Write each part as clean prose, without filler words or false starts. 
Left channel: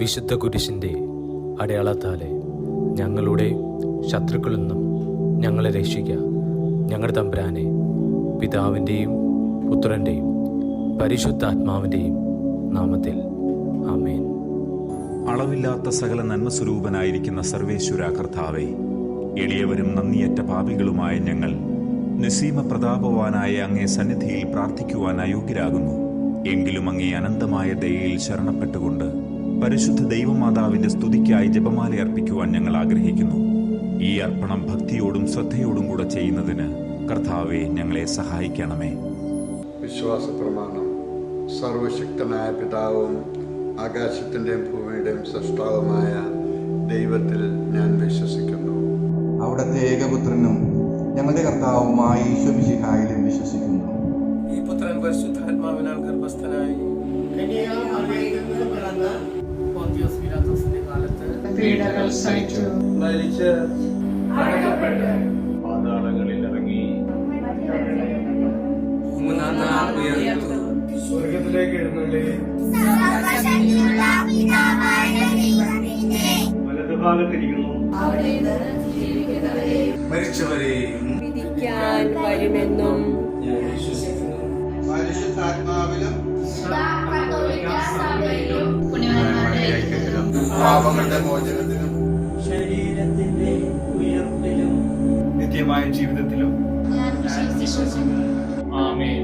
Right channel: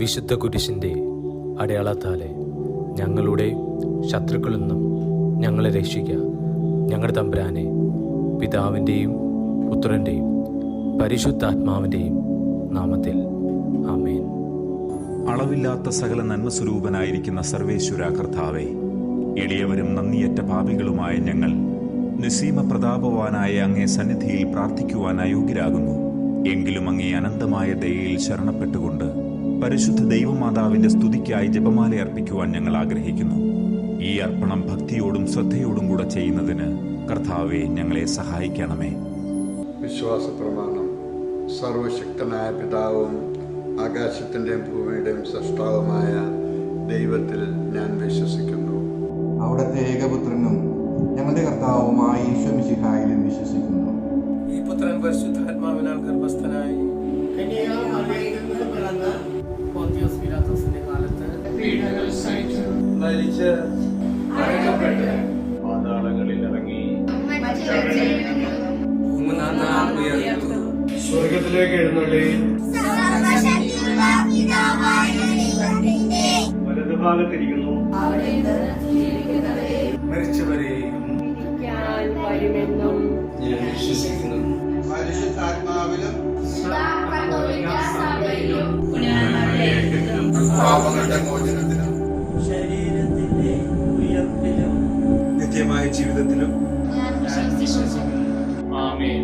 വിശുദ്ധ കുരിശിൻ്റെ അടയാളത്താലെ ഞങ്ങളുടെ ശത്രുക്കളിൽ നിന്നും ഞങ്ങളെ രക്ഷിക്കുക. ഞങ്ങളുടെ തമ്പുരാനെ, പിതാവിൻ്റെയും പുത്രൻ്റെയും പരിശുദ്ധാത്മാവിൻ്റെയും നാമത്തിൽ ആമേൻ. അളവില്ലാത്ത സകല നന്മസ്വരൂപനായിരിക്കുന്ന സർവേശ്വര കർത്താവേ, എളിയവരും നന്ദിയറ്റ പാപികളുമായ ഞങ്ങൾ നിസ്സീമ പ്രതാപവാനായ അങ്ങേ സന്നിധിയിൽ പ്രാർത്ഥിക്കുവാൻ അയോഗ്യരാകുന്നു. എങ്കിലും അങ്ങേ അനന്തമായ ദയയിൽ ശരണപ്പെട്ടുകൊണ്ട് പരിശുദ്ധ ദൈവമാതാവിന്റെ സ്തുതിക്കായി ജപമാല അർപ്പിക്കുവാൻ ഞങ്ങൾ ആഗ്രഹിക്കുന്നു. ഈ അർപ്പണം ഭക്തിയോടും ശ്രദ്ധയോടും കൂടെ ചെയ്യുന്നതിന് കർത്താവെ ഞങ്ങളെ സഹായിക്കണമേ. വിശ്വാസ പ്രമാണം. സർവശക്തനായ പിതാവും ആകാശത്തിൻ്റെയും ഭൂമിയുടെയും സൃഷ്ടാവുമായ ദൈവത്തിൽ ഞാൻ വിശ്വസിക്കുന്നു. അവിടുത്തെ ഏകപുത്രനും ഞങ്ങളുടെ കർത്താവുമായ ഈശോ മിശിഹായിലും വിശ്വസിക്കുന്നു. ഈ പുത്രൻ പരിശുദ്ധാത്മാവിനാൽ ഗർഭസ്ഥനായി പോന്തിയോസ് പീലാത്തോസിന്റെ കാലത്ത് പീഡകൾ സഹിച്ചു, മരിച്ച് അടക്കപ്പെട്ട് പാതാളങ്ങളിൽ ഇറങ്ങി മൂന്നാം നാൾ ഉയർത്തു, സ്വർഗത്തിലേക്ക് എഴുന്നള്ളി വലതുഭാഗത്തിരിക്കുന്നു. മരിച്ചവരെയും വിധിക്കാൻ വരുമെന്നും ഞാൻ വിശ്വസിക്കുന്നു. പരിശുദ്ധാത്മാവിലും പാപങ്ങളുടെ മോചനത്തിലും ശരീരത്തിന്റെ ഉയർപ്പിലും നിത്യമായ ജീവിതത്തിലും ആമേൻ.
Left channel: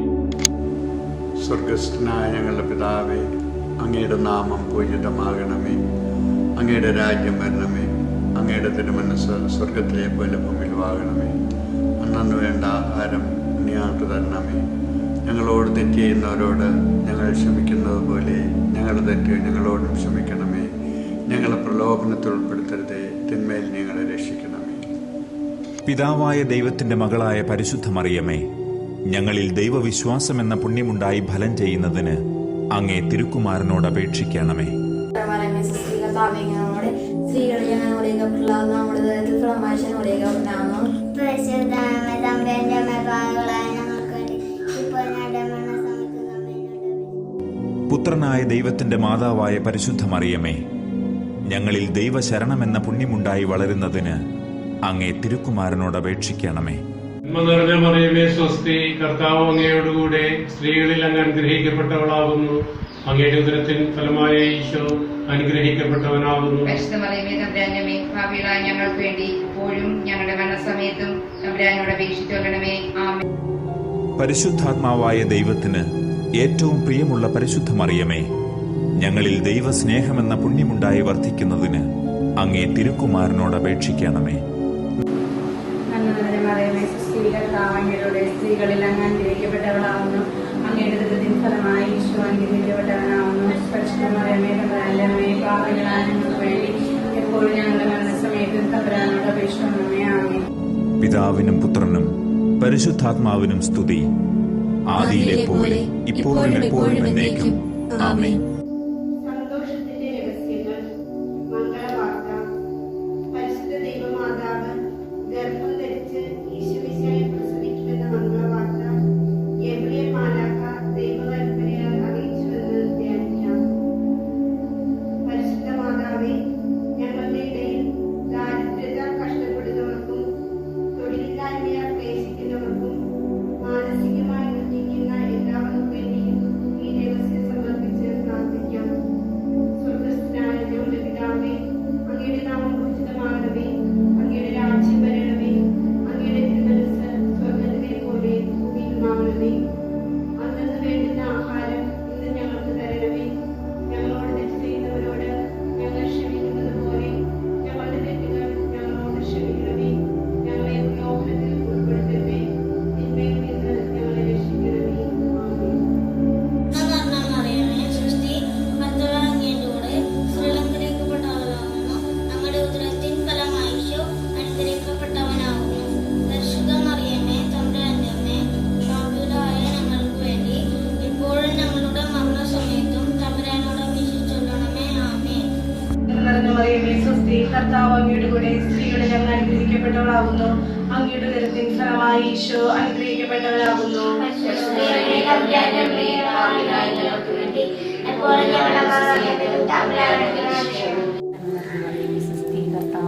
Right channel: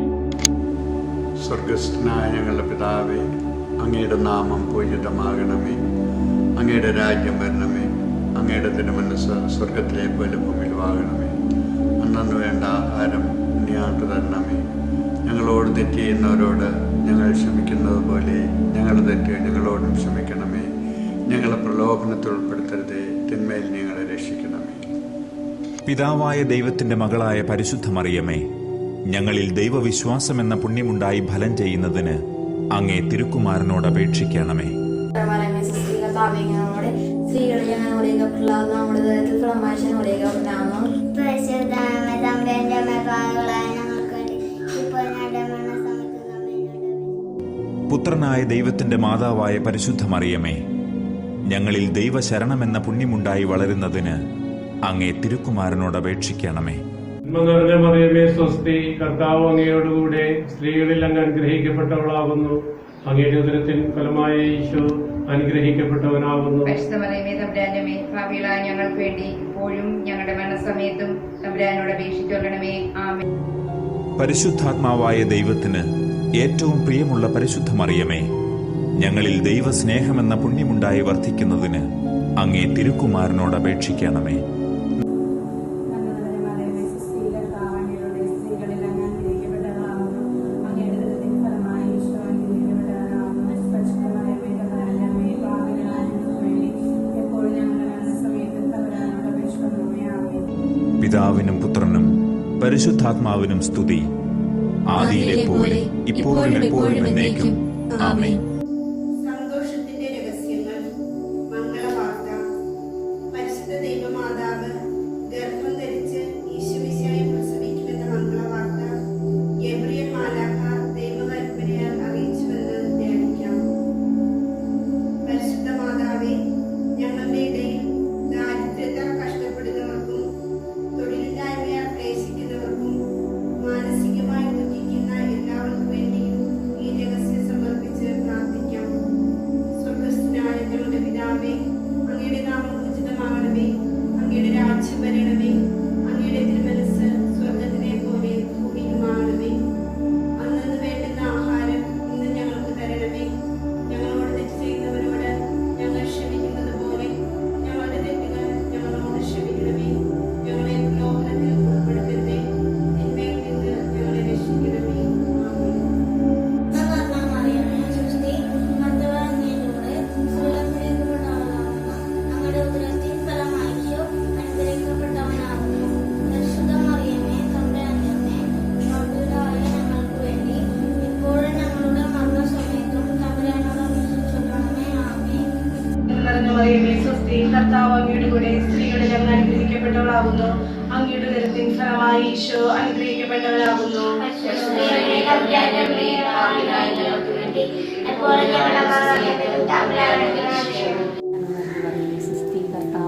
സ്വർഗസ്ഥനായ ഞങ്ങളുടെ പിതാവേ, അങ്ങയുടെ നാമം പൂജിതമാകണമേ. അങ്ങയുടെ രാജ്യം വരണമേ. അങ്ങയുടെ തിരുമനസ് സ്വർഗത്തിലെ പോലെ ഭൂമിയിലുമാകണമേ. അന്നു വേണ്ട ആഹാരം ഞങ്ങൾക്ക് തരണമേ. ഞങ്ങളോട് തെറ്റ് ചെയ്യുന്നവരോട് ഞങ്ങൾ ക്ഷമിക്കുന്നത് പോലെ ഞങ്ങളുടെ തെറ്റ് ഞങ്ങളോടും ക്ഷമിക്കണമേ. ഞങ്ങളെ പ്രലോഭനത്തിൽ ഉൾപ്പെടുത്തരുതേ, തിന്മയിൽ ഞങ്ങളെ രക്ഷിക്കണമേ. പിതാവായ ദൈവത്തിന്റെ മകളായ പരിശുദ്ധ മറിയമേ, ഞങ്ങളിൽ ദൈവവിശ്വാസം എന്ന പുണ്യമുണ്ടായി ഫലം ചെയ്യുന്നതിന് അങ്ങേ തിരുക്കുമാരനോട് അപേക്ഷിക്കണമേ. പുത്രനായ ദൈവത്തിന്റെ മാതാവായ പരിശുദ്ധ മറിയമേ, ഞങ്ങളിൽ ദൈവശരണമെന്ന പുണ്യമുണ്ടായി വളരുന്നതിന് അങ്ങേ തിരുക്കുമാരനോട് അപേക്ഷിക്കണമേ. നന്മ നിറഞ്ഞ മറിയമേ സ്വസ്തി, കർത്താവ് അങ്ങയോടുകൂടെ സ്ത്രീകളിൽ അങ്ങ് അനുഗ്രഹിക്കപ്പെട്ടവളാകുന്നു. അങ്ങയുടെ ഉദരത്തിൻ ഫലമായ ഈശോ അനുഗ്രഹിക്കപ്പെട്ടവനാകുന്നു. ഭാവിയിലായ ഞങ്ങൾക്ക് വേണ്ടി ഇപ്പോഴും ഞങ്ങളുടെ മരണസമയത്തും തമ്പുരാനോട് അപേക്ഷിച്ചുകൊള്ളണമേ. ആമേൻ. പരിശുദ്ധാത്മാവായ ദൈവത്തിന് ഏറ്റവും പ്രിയമുള്ള പരിശുദ്ധ മറിയമേ, ഞങ്ങളിൽ ദൈവസ്നേഹമെന്ന പുണ്യമുണ്ടായി വർദ്ധിക്കുന്നതിന് അങ്ങേ തിരുക്കുമാരനോട് അപേക്ഷിക്കണമേ. സ്ത്രീകളിൽ അങ്ങ് അനുഗ്രഹിക്കപ്പെട്ടവളാകുന്നു. അങ്ങയുടെ ഉദരത്തിൻ ഫലമായ ഈശോ അനുഗ്രഹിക്കപ്പെട്ടവനാകുന്നു. പരിശുദ്ധ മറിയമേ, തമ്പുരാന്റെ പാപികളായ ഞങ്ങൾക്ക് വേണ്ടി എപ്പോഴും ഞങ്ങളുടെ മരണസമയത്തും തമ്പുരാനോട് അപേക്ഷിച്ചുകൊള്ളണമേ. ആമേൻ. പിതാവിനും പുത്രനും പരിശുദ്ധാത്മാവിനും സ്തുതി, ആദിയിലെ പോലെ ഇപ്പോഴും എപ്പോഴും എന്നേക്കും. ആമേൻ. സന്തോഷത്തിന്റെ രഹസ്യങ്ങൾ. മംഗളവാർത്ത. പരിശുദ്ധ ദൈവമാതാവ് ഗർഭം ധരിച്ച് ഈശോമിശിഹായെ പ്രസവിക്കുമെന്ന മംഗളവാർത്ത ഗബ്രിയേൽ മാലാഖ ദൈവകൽപ്പനയാൽ അറിയിച്ചുവെന്ന് ധ്യാനിക്കാം. പരിശുദ്ധ മാതാവേ, ഞങ്ങളുടെ ഇടയിൽ ദാരിദ്ര്യത്താൽ കഷ്ടപ്പെടുന്നവർക്കും തൊഴിലില്ലായ്മയാൽ ക്ലേശിക്കുന്നവർക്കും മാനസികമായി ദുഃഖിക്കുന്ന എല്ലാവർക്കും വേണ്ടിയും ഈ രഹസ്യം സമർപ്പിച്ച് പ്രാർത്ഥിക്കാം. സ്വർഗസ്ഥനായ ഞങ്ങളുടെ പിതാവേ, അങ്ങയുടെ നാമം പൂജിതമാകണമേ. അങ്ങയുടെ രാജ്യം വരണമേ. അങ്ങയുടെ തിരുമനസ്സ് സ്വർഗത്തിലെ പോലെ ഭൂമിയിലുമാകണമേ. അന്നു വേണ്ടുന്ന ആഹാരം ഇന്ന് ഞങ്ങൾക്ക് തരണമേ. ഞങ്ങളോട് തെറ്റ് ചെയ്യുന്നവരോട് ഞങ്ങൾ ക്ഷമിക്കുന്നത് പോലെ ഞങ്ങളുടെ തെറ്റുകൾ ഞങ്ങളോട് ക്ഷമിക്കണമേ. ഞങ്ങളെ പ്രലോഭനത്തിൽ ഉൾപ്പെടുത്തരുതേ, തിന്മയിൽ നിന്ന് ഞങ്ങളെ രക്ഷിക്കണമേ. ആമേൻ. കർത്താവ് അങ്ങയുടെ കൂടെ സ്ത്രീകളിൽ അങ്ങ് അനുഗ്രഹിക്കപ്പെട്ടവളാകുന്നു. അങ്ങയുടെ ഉദരത്തിൻ ഫലമായി ഈശോ അനുഗ്രഹിക്കപ്പെട്ടവരാകുന്നു.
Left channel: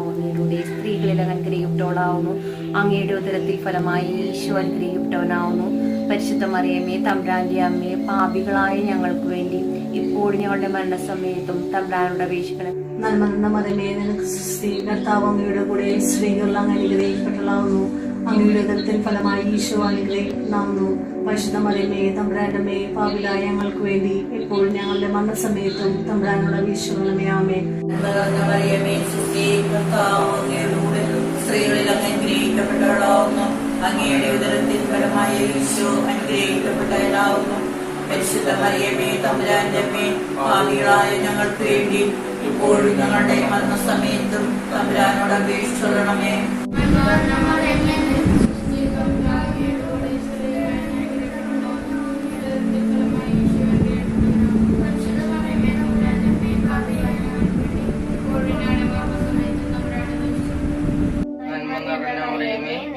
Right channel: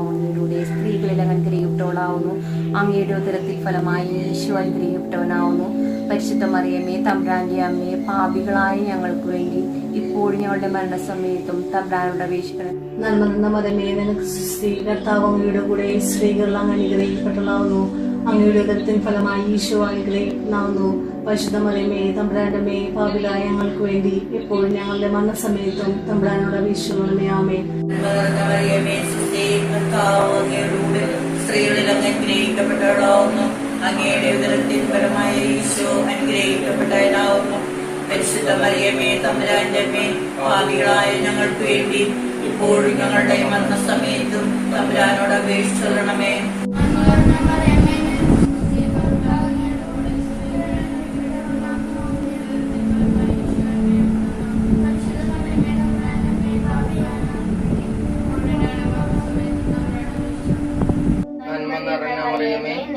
അങ്ങയുടെ സ്ത്രീകളിൽ അനുഗ്രഹിക്കപ്പെട്ടവളാവുന്നു. അങ്ങയുടെ ഉദരത്തിൽ ഫലമായി ഈശോ അനുഗ്രഹിക്കപ്പെട്ടവനാവുന്നു. പരിശുദ്ധ മറിയമേ തമ്പുരാന്റെ അമ്മയെ, പാപികളായ ഞങ്ങൾക്ക് വേണ്ടി ഇപ്പോഴും ഞങ്ങളുടെ മരണസമയത്തും തമ്പുരാനോട് അപേക്ഷിക്കണം. നന്മ മതമേ നിനക്ക് സ്ത്രീ കർത്താവ് അങ്ങയുടെ കൂടെ സ്ത്രീകൾ അങ്ങ് അനുഗ്രഹിക്കപ്പെട്ടവളാവുന്നു. അങ്ങയുടെ ഉദരത്തിൻ ഫലമായി ഈശോ അനുഗ്രഹിക്കപ്പെടാവുന്നു. പരിശുദ്ധ മറിയമേ തമ്പുരാന്റെ അമ്മയെ, പാപികളായ ഞങ്ങൾക്ക് വേണ്ടി എപ്പോഴും ഞങ്ങളുടെ മരണസമയത്തും തമ്പുരാനോട് അപേക്ഷിക്കണമേ. ആമേൻ. സ്ത്രീകളിൽ അങ്ങ് അനുഗ്രഹിക്കപ്പെട്ടവളാവുന്നു. അങ്ങയുടെ ഉദരത്തിൻ ഫലമായ ഈശോ അനുഗ്രഹിക്കപ്പെട്ടവനാവുന്നു. പരിശുദ്ധ മറിയമേ തമ്പുരാന്റെ അമ്മേ, പാപികളായ ഞങ്ങൾക്ക് വേണ്ടി ഇപ്പോഴും ഞങ്ങളുടെ മരണസമയത്തും തമ്പുരാനോട് അപേക്ഷിക്കണമേ.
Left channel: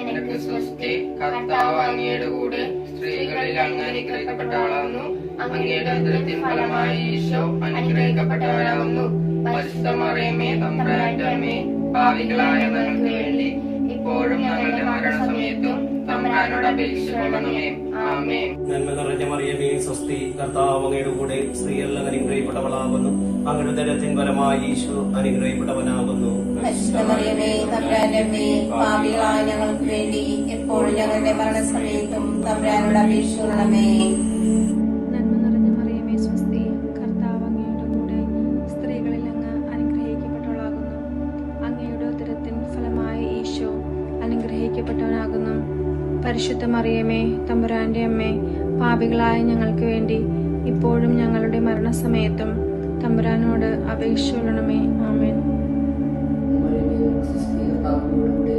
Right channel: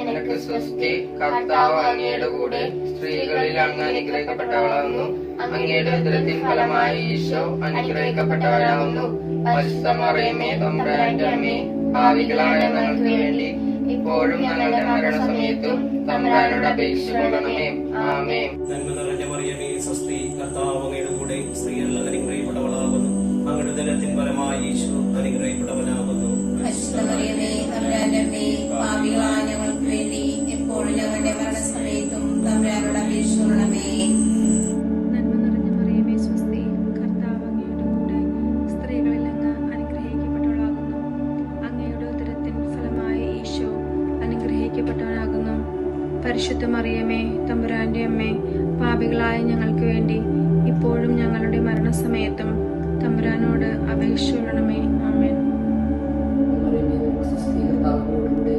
നിനക്ക് സ്വസ്തി, കർത്താവ് അങ്ങയുടെ കൂടെ സ്ത്രീകളിൽ അങ്ങ് അനുഗ്രഹിക്കപ്പെട്ടവളാവുന്നു. അങ്ങയുടെ ഉദരത്തിൻ ഫലമായി ഈശോ അനുഗ്രഹിക്കപ്പെട്ടവരാവുന്നു. പരിശുദ്ധ മറിയമേ തമ്പുരാന്റെ അമ്മേ, പാപികളായ ഞങ്ങൾക്ക് വേണ്ടി ഇപ്പോഴും ഞങ്ങളുടെ മരണസമയത്തും തമ്പുരാനോട് അപേക്ഷിക്കണമേ. ആമേൻ. നന്മ നിറഞ്ഞ മറിയമേ സ്വസ്തി, കർത്താവ് അങ്ങയുടെ കൂടെ സ്ത്രീകളിൽ അനുഗ്രഹിക്കപ്പെട്ടവളാകുന്നു. അങ്ങയുടെ ഉദരത്തിൻ ഫലമായി ഈശോ അനുഗ്രഹിക്കപ്പെട്ടവനാകുന്നു. പരിശുദ്ധ മറിയമേ തമ്പുരാന്റെ അമ്മേ, പാപികളായ ഞങ്ങൾക്ക് വേണ്ടി എപ്പോഴും ഞങ്ങളുടെ മരണസമയത്തും തമ്പുരാനോട് അപേക്ഷിക്കണമേ. നന്മ നിറഞ്ഞ മറിയമേ സ്വസ്തി, കർത്താവ് അങ്ങയുടെ കൂടെ സ്ത്രീകളിൽ അങ്ങ് അനുഗ്രഹിക്കപ്പെട്ടവളാകുന്നു. അങ്ങയുടെ ഉദരത്തിൻ ഫലമായി ഈശോ അനുഗ്രഹിക്കപ്പെട്ടവനാകുന്നു. പരിശുദ്ധ മറിയമേ തമ്പുരാന്റെ അമ്മേ, പാപികളായ ഞങ്ങൾക്ക് വേണ്ടി ഇപ്പോഴും ഞങ്ങളുടെ മരണസമയത്തും തമ്പുരാനോട് അപേക്ഷിച്ചുകൊള്ളണമേ. ആമേൻ.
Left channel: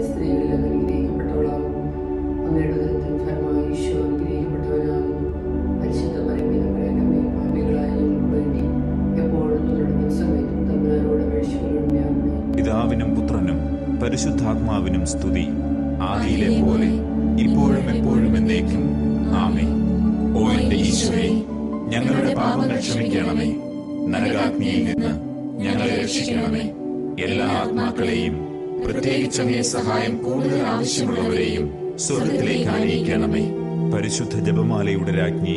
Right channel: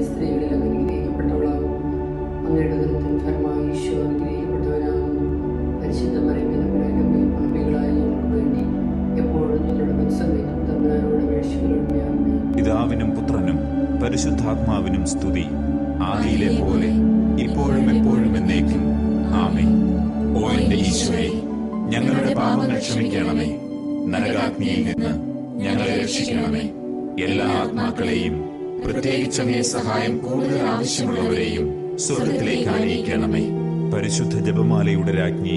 സ്ത്രീകളിൽ അനുഗ്രഹിക്കപ്പെട്ടവളാകുന്നു. അങ്ങയുടെ ഉദരത്തിൻ ഫലമായി ഈശോ അനുഗ്രഹിക്കപ്പെട്ടവനാകുന്നു. പരിശുദ്ധ മറിയമേ തമ്പുരാന്റെ അമ്മേ, പാപികളായ ഞങ്ങൾക്ക് വേണ്ടി എപ്പോഴും ഞങ്ങളുടെ മരണസമയത്തും തമ്പുരാനോട് അപേക്ഷിക്കണമേ. ആമേൻ. പിതാവിനും പുത്രനും പരിശുദ്ധാത്മാവിനും സ്തുതി, ആദിയിലെ പോലെ ഇപ്പോഴും എപ്പോഴും എന്നേക്കും. ആമേൻ. ഓ എന്റെ ഈശോയെ, ഞങ്ങളുടെ പാപങ്ങൾ ക്ഷമിക്കണമേ. നരകാഗ്നിയിൽ നിന്ന് ഞങ്ങളെ രക്ഷിക്കണമേ. എല്ലാ ആത്മാക്കളെയും, പ്രത്യേകിച്ച് അങ്ങേ സഹായം കൂടുതൽ ആവശ്യമുള്ളവരെയും സ്വർഗത്തിലേക്ക് ആനയിക്കണമേ. പരിശുദ്ധ ജപമാലയുടെ രാജ്ഞി,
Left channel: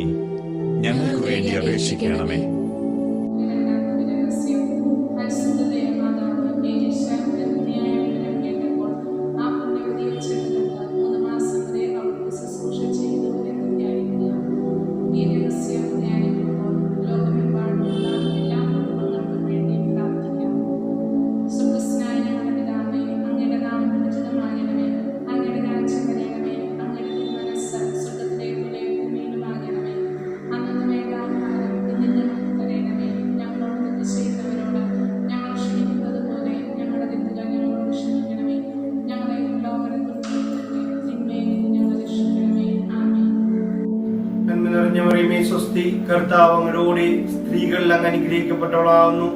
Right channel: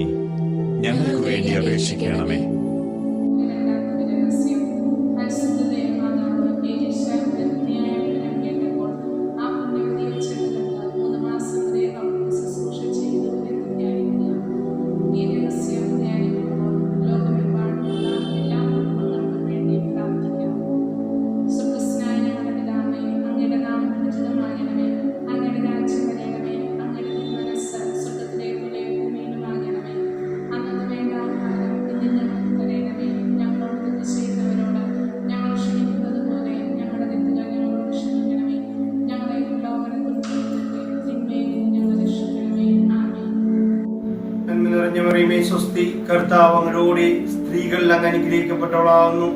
ഞങ്ങൾക്ക് വേണ്ടി അപേക്ഷിക്കണമേ. നന്മ നിറഞ്ഞ മറിയമേ സ്വസ്തി, കർത്താവ് അങ്ങയുടെ കൂടെ സ്ത്രീകളിൽ അങ്ങ് അനുഗ്രഹിക്കപ്പെട്ടവളാകുന്നു.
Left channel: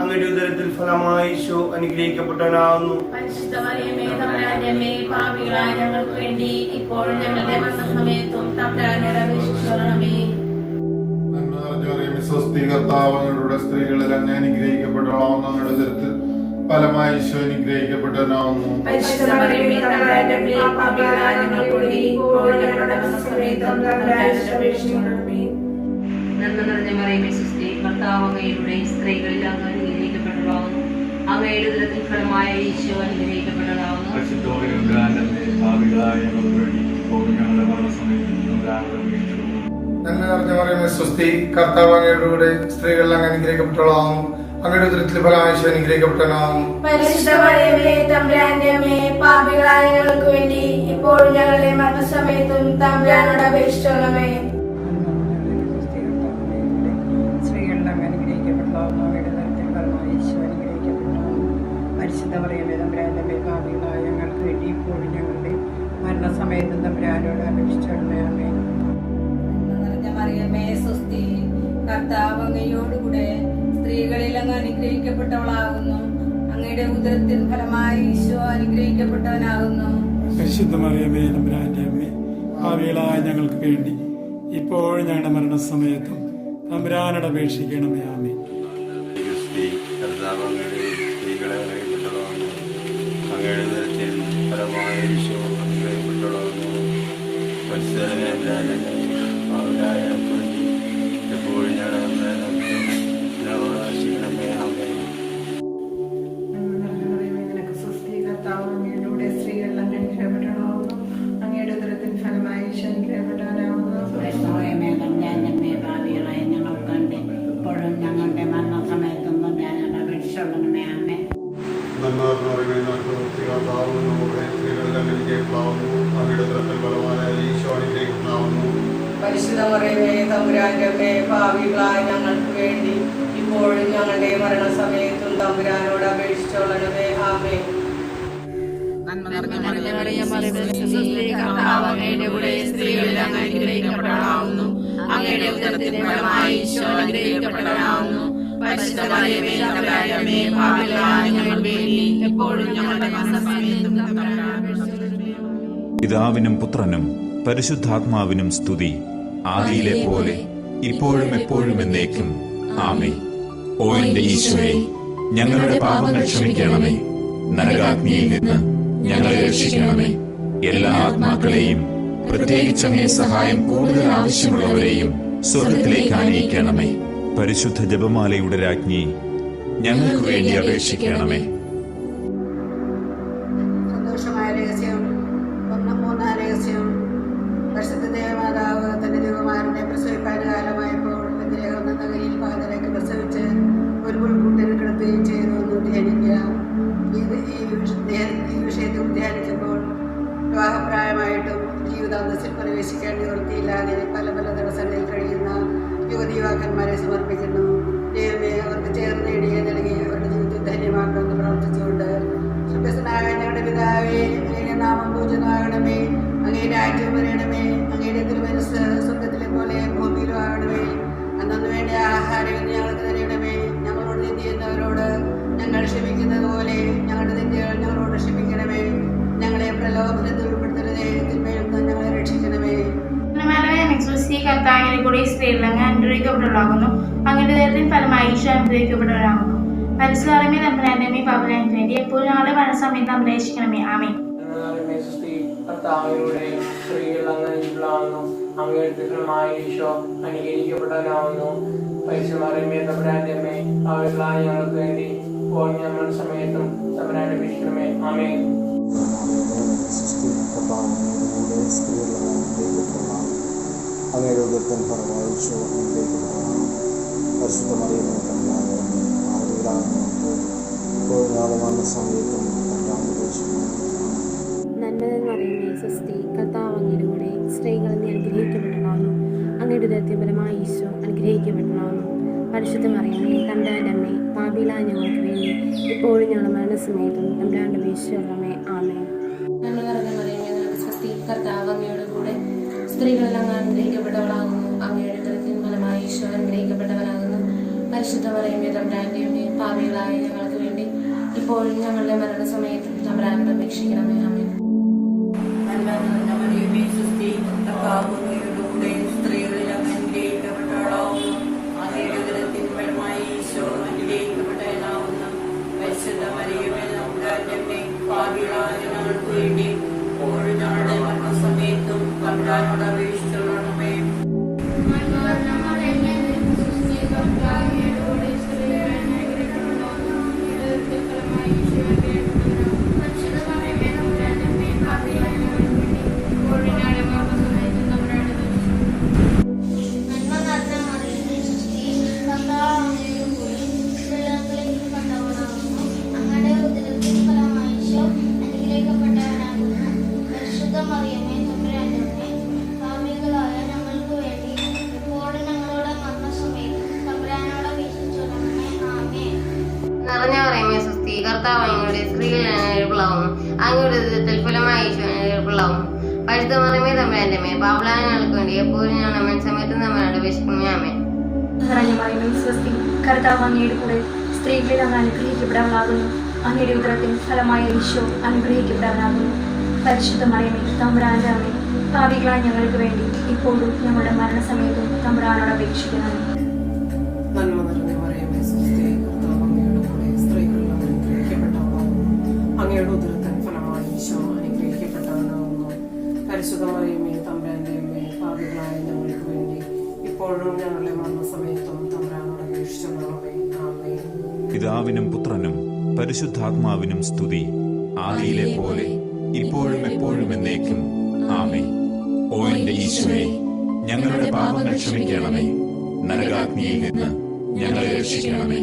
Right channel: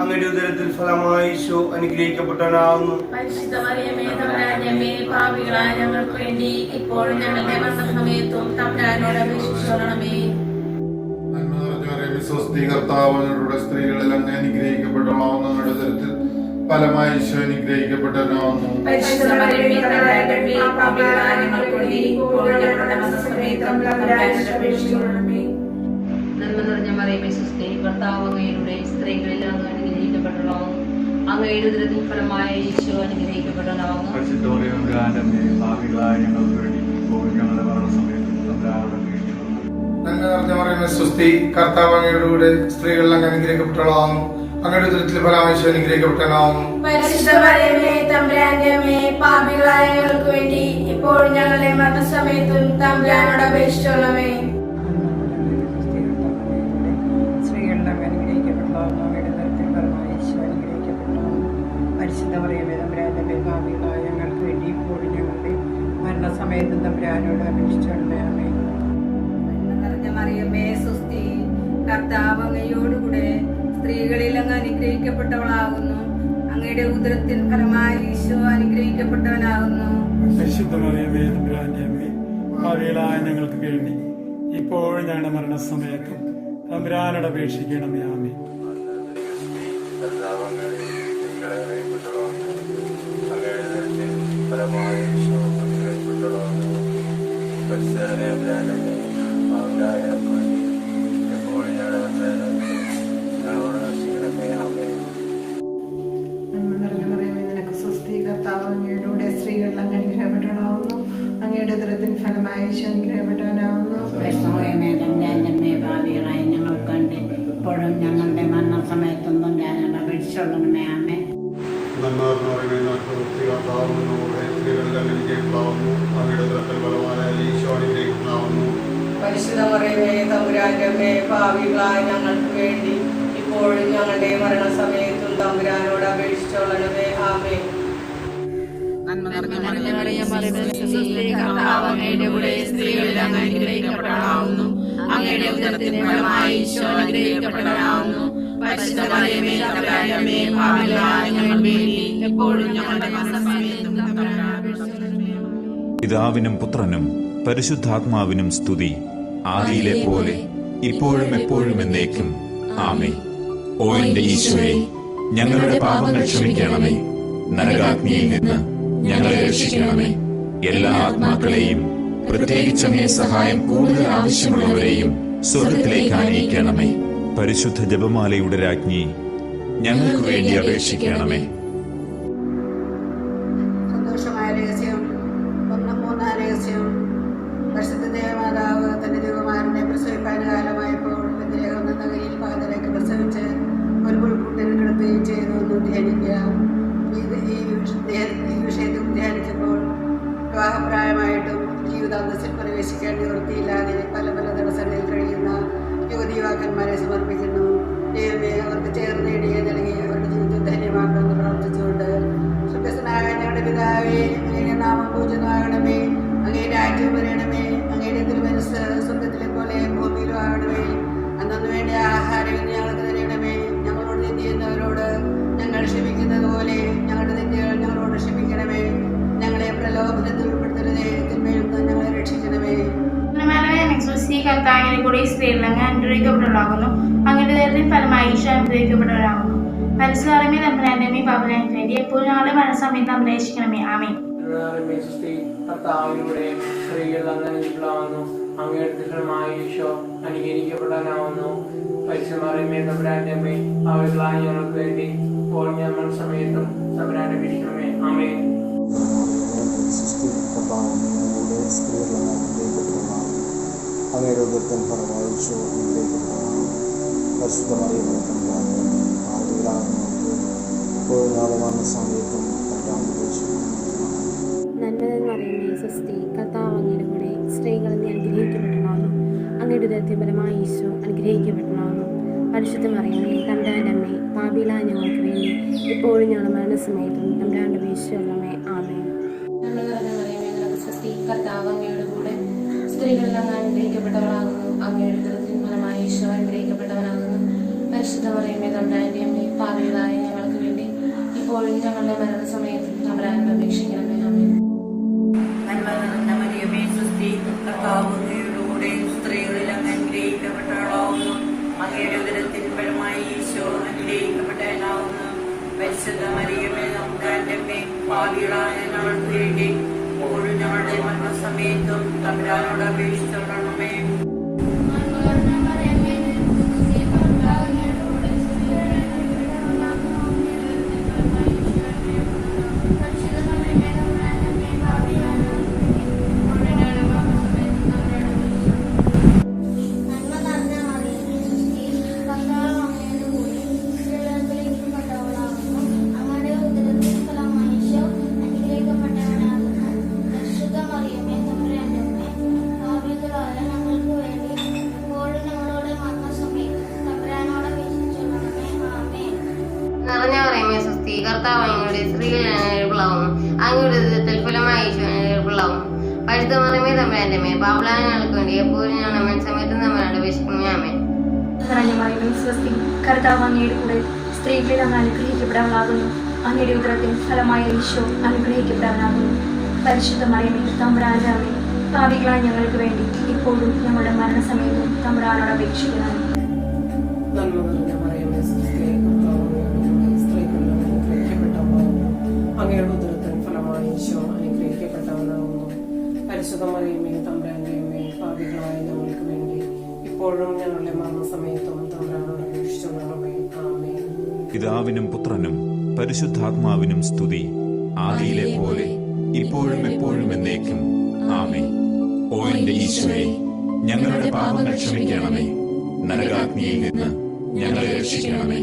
അങ്ങയുടെ ഉദരത്തിൽ ഫലമായി ഈശോ അനുഗ്രഹിക്കപ്പെട്ടവനാകുന്നു. പരിശുദ്ധ മറിയമേ തമ്പുരാന്റെ അമ്മേ, പാപികളായ ഞങ്ങൾക്ക് വേണ്ടി ഇപ്പോഴും ഞങ്ങളുടെ മരണസമയത്തും തമ്പുരാനോട് അപേക്ഷിച്ചുകൊള്ളണമേ. നന്മ നിറഞ്ഞ മറിയമേ സ്വസ്തി, കർത്താവ് അങ്ങയുടെ സ്ത്രീകളിൽ അങ്ങ് അനുഗ്രഹിക്കപ്പെട്ടവളാകുന്നു. അങ്ങയുടെ ഉദരത്തിൽ ഫലമായി ഈശോ അനുഗ്രഹിക്കപ്പെട്ടവനാകുന്നു. പരിശുദ്ധ മറിയമേ തമ്പുരാന്റെ അമ്മേ, പാപികളായ ഞങ്ങൾക്ക് വേണ്ടി ഇപ്പോഴും ഞങ്ങളുടെ മരണസമയത്തും തമ്പുരാനോട് അപേക്ഷിച്ചുകൊള്ളണമേ. നന്മ നിറഞ്ഞ മറിയമേ സ്വസ്തി, കർത്താവ് അങ്ങയുടെ സ്ത്രീകളിൽ അങ്ങ് അനുഗ്രഹിക്കപ്പെട്ടവളാവുന്നു. അങ്ങയുടെ ഉദരത്തിൻ ഫലമായ ഈശോ അനുഗ്രഹിക്കപ്പെട്ടവനാകുന്നു. പരിശുദ്ധ മറിയമേ തമ്പുരാന്റെ അമ്മേ, പാപികളായ ഞങ്ങൾക്ക് വേണ്ടി ഇപ്പോഴും ഞങ്ങളുടെ മരണസമയത്തും തമ്പുരാനോട് അപേക്ഷിച്ചുകൊള്ളണമേ. നന്മ നിറഞ്ഞ മറിയമേ സ്വസ്തി, കർത്താവ് അങ്ങയുടെ കൂടെ സ്ത്രീകളിൽ അങ്ങ് അനുഗ്രഹിക്കപ്പെട്ടവളാകുന്നു. അങ്ങയുടെ ഉദരത്തിൽ ഫലമായി ഈശോ അനുഗ്രഹിക്കപ്പെട്ടവനാകുന്നു. പരിശുദ്ധ മറിയമേ തമ്പുരാന്റെ അമ്മേ, പാപികളായ ഞങ്ങൾക്ക് വേണ്ടി ഇപ്പോഴും ഞങ്ങളുടെ മരണസമയത്തും തമ്പുരാനോട് അപേക്ഷിച്ചുകൊള്ളണമേ. സ്ത്രീകളിലും അനുഗ്രഹിക്കപ്പെട്ടവളാകുന്നു. അങ്ങയുടെ ഉദരത്തിൻ ഫലമായി ഈശോ അനുഗ്രഹിക്കപ്പെട്ടവനാകുന്നു. പരിശുദ്ധ മറിയമേ തമ്പുരാന്റെ അമ്മേ, പാപികളായ ഞങ്ങൾക്ക് വേണ്ടി ഇപ്പോഴും ഞങ്ങളുടെ മരണസമയത്തും തമ്പുരാനോട് അപേക്ഷിച്ചുകൊള്ളണമേ. ആമേൻ. മറിയമേ സ്വസ്തി, കർത്താവ് അങ്ങയോടുകൂടെ സ്ത്രീകളിൽ അങ്ങ് അനുഗ്രഹിക്കപ്പെട്ടവളാകുന്നു. അങ്ങയുടെ ഉദരത്തിൻ ഫലമായി ഈശോ അനുഗ്രഹിക്കപ്പെട്ടവനാകുന്നു. പരിശുദ്ധ മറിയമേ തമ്പുരാന്റെ അമ്മേ, പാപികളായ ഞങ്ങൾക്ക് വേണ്ടി ഇപ്പോഴും ഞങ്ങളുടെ മരണസമയത്തും തമ്പുരാനോട് അപേക്ഷിക്കണമേ. ആമേൻ. സ്ത്രീകളെ അനുഗ്രഹിക്കപ്പെട്ടവളാകുന്നു. അങ്ങയുടെ ഉദരത്തിൻ ഫലമായ ഈശോ അനുഗ്രഹിക്കപ്പെട്ടവളാകുന്നു. പരിശുദ്ധനെ പാവനായ വേണ്ടി എപ്പോഴും ഞങ്ങളോട് രക്ഷിക്കണമേ. ആമേൻ. നന്മ നിറഞ്ഞ മറിയമേ, നിനക്ക് സ്വസ്തി. കർത്താവ് അങ്ങയുടെ സ്ത്രീകളിൽ അങ്ങ് അനുഗ്രഹിക്കപ്പെട്ടവളാകുന്നു. അങ്ങയുടെ ഉദരത്തിൻ ഫലമായി ഈശോ അനുഗ്രഹിക്കപ്പെട്ടവനാകുന്നു. ഭാവികളായ ഞങ്ങൾക്കുണ്ട് ഇപ്പോഴും ഞങ്ങളുടെ മരണസമയത്തും ഞാൻ അപേക്ഷിച്ചുള്ളണമേ. ആമേ. പരിശുദ്ധ മറിയമേ തമ്പുരാന്റെ അമ്മേ, ഭാവികളായ ഞങ്ങൾക്ക് വേണ്ടി ഇപ്പോഴും ഞങ്ങളുടെ മരണസമയത്തും തമ്പുരാനോട് അപേക്ഷിച്ചോളണമേ. ആമേ. നന്മ നിറഞ്ഞ മറിയമേ, കർത്താവ് അങ്ങയുടെ കൂടെ സ്ത്രീകളിൽ അങ്ങ് അനുഗ്രഹിക്കപ്പെട്ടവളാകുന്നു. അങ്ങയുടെ ഉദരത്തിൻ ഫലമായി ഈശോ അനുഗ്രഹിക്കപ്പെട്ടവനാകുന്നു. പരിശുദ്ധ മറിയമേ തമ്പുരാന്റെ അമ്മേ, പാപികളായ ഞങ്ങൾക്ക് വേണ്ടി എപ്പോഴും ഞങ്ങളുടെ മരണസമയത്തും തമ്പുരാനോട് അപേക്ഷിച്ചോളണമേ. പിതാവിനും പുത്രനും പരിശുദ്ധാത്മാവിനും സ്തുതി, ആദിയിലെ പോലെ ഇപ്പോഴും എപ്പോഴും എന്നേക്കും. ആമേൻ. ഓ എന്റെ ഈശോയെ, ഞങ്ങളുടെ പാപങ്ങൾ ക്ഷമിക്കണമേ. നരകാഗ്നിയിൽ നിന്ന് ഞങ്ങളെ രക്ഷിക്കണമേ. എല്ലാ ആത്മാക്കളെയും, പ്രത്യേകിച്ച് അങ്ങേ സഹായം കൂടുതൽ ആവശ്യമുള്ളവരെയും സ്വർഗത്തിലേക്ക് ആനയിക്കണമേ. പരിശുദ്ധ ജപമാലയുടെ രാജ്ഞി, ഞങ്ങൾക്ക് വേണ്ടി അപേക്ഷിക്കണമേ. സന്തോഷമായ രഹസ്യം. മൂന്നാം രഹസ്യം. പരിശുദ്ധ ദേവമാതാവ് തന്റെ ദേവകുമാരനെ പ്രസവിക്കാൻ കാലമായപ്പോൾ ബെത്ലഹേം എന്ന നഗരിയിൽ പാതരയ്ക്ക് പ്രസവിച്ച് ഒരു പുൽക്കൂട്ടിൽ കിടത്തുകയും ചെയ്തു എന്ന് ധ്യാനിക്കുക. ഈ വിഷയത്തിൽ ധ്യാനിക്കുമ്പോൾ വിവാഹപ്രായമായിട്ടും ജീവിതാന്തസ്സിൽ പ്രവേശിക്കാൻ നിവൃത്തിയില്ലാതെ പല പല തടസ്സങ്ങളിൽ കഴിയുന്ന യുവതീവാക്കന്മാരെ സമർപ്പിക്കുന്നു. ദൈവമേ, അവർക്ക് ചേർന്ന് ഇടിയെ നൽകി അവരുടെ ജീവിതം ധന്യമാക്കുമെന്ന് പ്രാർത്ഥിച്ചുകൊണ്ട്, സുഖസ്നായ ഞങ്ങളുടെ പിതാവേ, അങ്ങയുടെ നാമം പൂജിതമാകണമേ. അങ്ങേ രാജ്യം വരണമേ. അങ്ങയുടെ തിരുമനസ്സ് സ്വർഗത്തിലെ പോലെ ഭൂമിയിലും ആകണമേ. അന്നു വേണ്ട ആഹാരം ഞങ്ങൾക്ക് തരണമേ. ഞങ്ങളോട് നീതി ചെയ്യുന്നവരോട് ഞങ്ങൾ ക്ഷമിക്കുന്നത് പോലെ ഞങ്ങളുടെ തെറ്റുകൾ ഞങ്ങളോട് ക്ഷമിക്കണമേ. ഞങ്ങളെ പ്രലോഭനത്തിൽ ഉൾപ്പെടുത്തരുതേ, തിന്മയിൽ നിന്ന് ഞങ്ങളെ രക്ഷിക്കണമേ. കർത്താവിനെ കൂടി സ്ത്രീകൾ അങ്ങ് അനുഗ്രഹിക്കപ്പെട്ടവളാകുന്നു. അങ്ങയുടെ ഉദരത്തിൻ ഫലമായി ഈശോ അനുഗ്രഹിക്കപ്പെട്ടവരാകുന്നു. പരിശുദ്ധ മറിയമേ തമ്പുരാന്റെ അമ്മേ, പാപികളായ വേണ്ടി എപ്പോഴും ഞങ്ങളുടെ മരണസമയത്ത് അപേക്ഷിക്കണമേ. ആമേൻ. കർത്താവിലൂടെ സ്ത്രീകൾ അങ്ങ് അനുഗ്രഹിക്കപ്പെട്ടവളാകുന്നു. അങ്ങയുടെ ഫലമായ ഈശോ അനുഗ്രഹിക്കപ്പെട്ടവനാകുന്നു. പരിശുദ്ധ മറിയമേ തമ്പുരാന്റെ അമ്മേ, പാപികളായ ഞങ്ങൾക്ക് വേണ്ടി ഇപ്പോൾ ഞങ്ങളുടെ സമയത്തും തമ്പുരാനെ അപേക്ഷിക്കണമേ. ആമേൻ. കർത്താവിലൂടെ സ്ത്രീകൾ അങ്ങ് അനുഗ്രഹിക്കപ്പെട്ടവളാകുന്നു. അങ്ങയുടെ ഉദരത്തിൻ ഫലമായി ഈശോ അനുഗ്രഹിക്കപ്പെട്ടവനാകുന്നു. പരിശുദ്ധ മറിയമേ തമ്പുരാന്റെ അമ്മേ, പാപികളായ ഞങ്ങൾക്ക് വേണ്ടി ഇപ്പോൾ ഞങ്ങളുടെ മരണസമയത്തും തമ്പുരാനെ അപേക്ഷിക്കണമേ. നന്മ നിറയുമേ സ്വസ്തി. കർത്താവ് അങ്ങയുടെ കൂടെ സ്ത്രീകളിൽ നിന്ന് അനുഗ്രഹിക്കപ്പെട്ടവളാകുന്നു. അങ്ങയുടെ ഉദരത്തിൻ ഫലമായി ഈശോ അനുഗ്രഹിക്കപ്പെട്ടവളാകുന്നു. പരിശുദ്ധ മറിയമേ തമ്പുരാന്റെ അമ്മേ, പാപികളായ ഞങ്ങൾക്ക് വേണ്ടി ഇപ്പോഴും ഞങ്ങളുടെ മരണസമയത്തും തമ്പുരാന്റെ അപേക്ഷിച്ചുകൊള്ളണമേ. ആമേൻ. നന്മ നിറഞ്ഞ മറിയമേ നിനക്ക് സ്വസ്തി. കർത്താവ് അങ്ങയുടെ കൂടെ സ്ത്രീകളിൽ അങ്ങ് അനുഗ്രഹിക്കപ്പെട്ടവളാകുന്നു. അങ്ങയുടെ ഉദരത്തിൻ ഫലമായി ഈശോ അനുഗ്രഹിക്കപ്പെട്ടവനാകുന്നു. പരിശുദ്ധ മറിയമേ തമ്പുരാന്റെ അമ്മേ, പാപികളായ ഞങ്ങൾക്ക് വേണ്ടി ഇപ്പോഴും ഞങ്ങളുടെ മരണസമയത്തും തമ്പുരാനോട് അപേക്ഷിക്കണമേ. ആമേൻ. മറിയമേ സ്വസ്തി. കർത്താവ് അങ്ങയുടെ കൂടെ സ്ത്രീകളിൽ അങ്ങ് അനുഗ്രഹിക്കപ്പെട്ടവളാകുന്നു. അങ്ങയുടെ ഉദരത്തിൻ ഫലമായി ഈശോ അനുഗ്രഹിക്കപ്പെട്ടവനാകുന്നു. പരിശുദ്ധ മറിയമേ തമ്പുരാന്റെ അമ്മേ, പാപികളായ ഞങ്ങൾക്ക് വേണ്ടി ഇപ്പോഴും ഞങ്ങളുടെ മരണസമയത്തും തമ്പുരാനോട് അപേക്ഷിച്ചുകൊള്ളണമേ. നിറഞ്ഞ മറിയമേ സ്വസ്തി. കർത്താവ് അങ്ങയുടെ സ്ത്രീകളിൽ അനുഗ്രഹിക്കപ്പെട്ടവളാകുന്നു. അങ്ങയുടെ ഉദരത്തിൻ ഫലമായി ഈശോ അനുഗ്രഹിക്കപ്പെട്ടവളാകുന്നു. പരിശുദ്ധ മറിയമേ തമ്പുരാന്റെ അമ്മേ, പാപികളായ ഞങ്ങൾക്ക് വേണ്ടി എപ്പോഴും ഞങ്ങളുടെ മരണസമയത്തും തമ്പുരാനോട് അപേക്ഷിക്കണമേ. ആമേൻ. നിറഞ്ഞ മറിയമേ സ്വസ്തി. കർത്താവ് അങ്ങയുടെ കൂടെ സ്ത്രീകളിൽ അങ്ങ് അനുഗ്രഹിക്കപ്പെട്ടവളാകുന്നു. അങ്ങയുടെ ഉദരത്തിൻ ഫലമായ ഈശോ അനുഗ്രഹിക്കപ്പെട്ടവനാകുന്നു. പരിശുദ്ധ മറിയമേ തമ്പുരാന്റെ അമ്മേ, പാപികളായ ഞങ്ങൾക്ക് വേണ്ടി ഇപ്പോഴും ഞങ്ങളുടെ മരണസമയത്തും തമ്പുരാനോട് അപേക്ഷിക്കണമേ. നന്മ നിറഞ്ഞ മറിയമേ സുസ്ഥി കർത്താവ് അങ്ങയുടെ കൂടെ സ്ത്രീകളിൽ അങ്ങ് അനുഗ്രഹിക്കപ്പെട്ടവളാകുന്നു അങ്ങയുടെ ഉദരത്തിൻ ഫലമായി ഈശോ അനുഗ്രഹിക്കപ്പെട്ടവനാകുന്നു പരിശുദ്ധ മറിയമേ തമ്പുരാന്റെ അമ്മേ പാപികളായ ഞങ്ങൾക്ക് വേണ്ടി ഇപ്പോഴും ഞങ്ങളുടെ മരണസമയത്തും തമ്പുരാനോട് അപേക്ഷിച്ചുകൊള്ളണമേ ആമേൻ. പിതാവിനും പുത്രനും പരിശുദ്ധാത്മാവിനും സ്തുതി, ആദിയിലെ പോലെ ഇപ്പോഴും എപ്പോഴും എന്നേക്കും ആമേൻ. ഓ എന്റെ ഈശോയെ, ഞങ്ങളുടെ പാപങ്ങൾ ക്ഷമിക്കണമേ, നരകാഗ്നിയിൽ നിന്ന് ഞങ്ങളെ രക്ഷിക്കണമേ,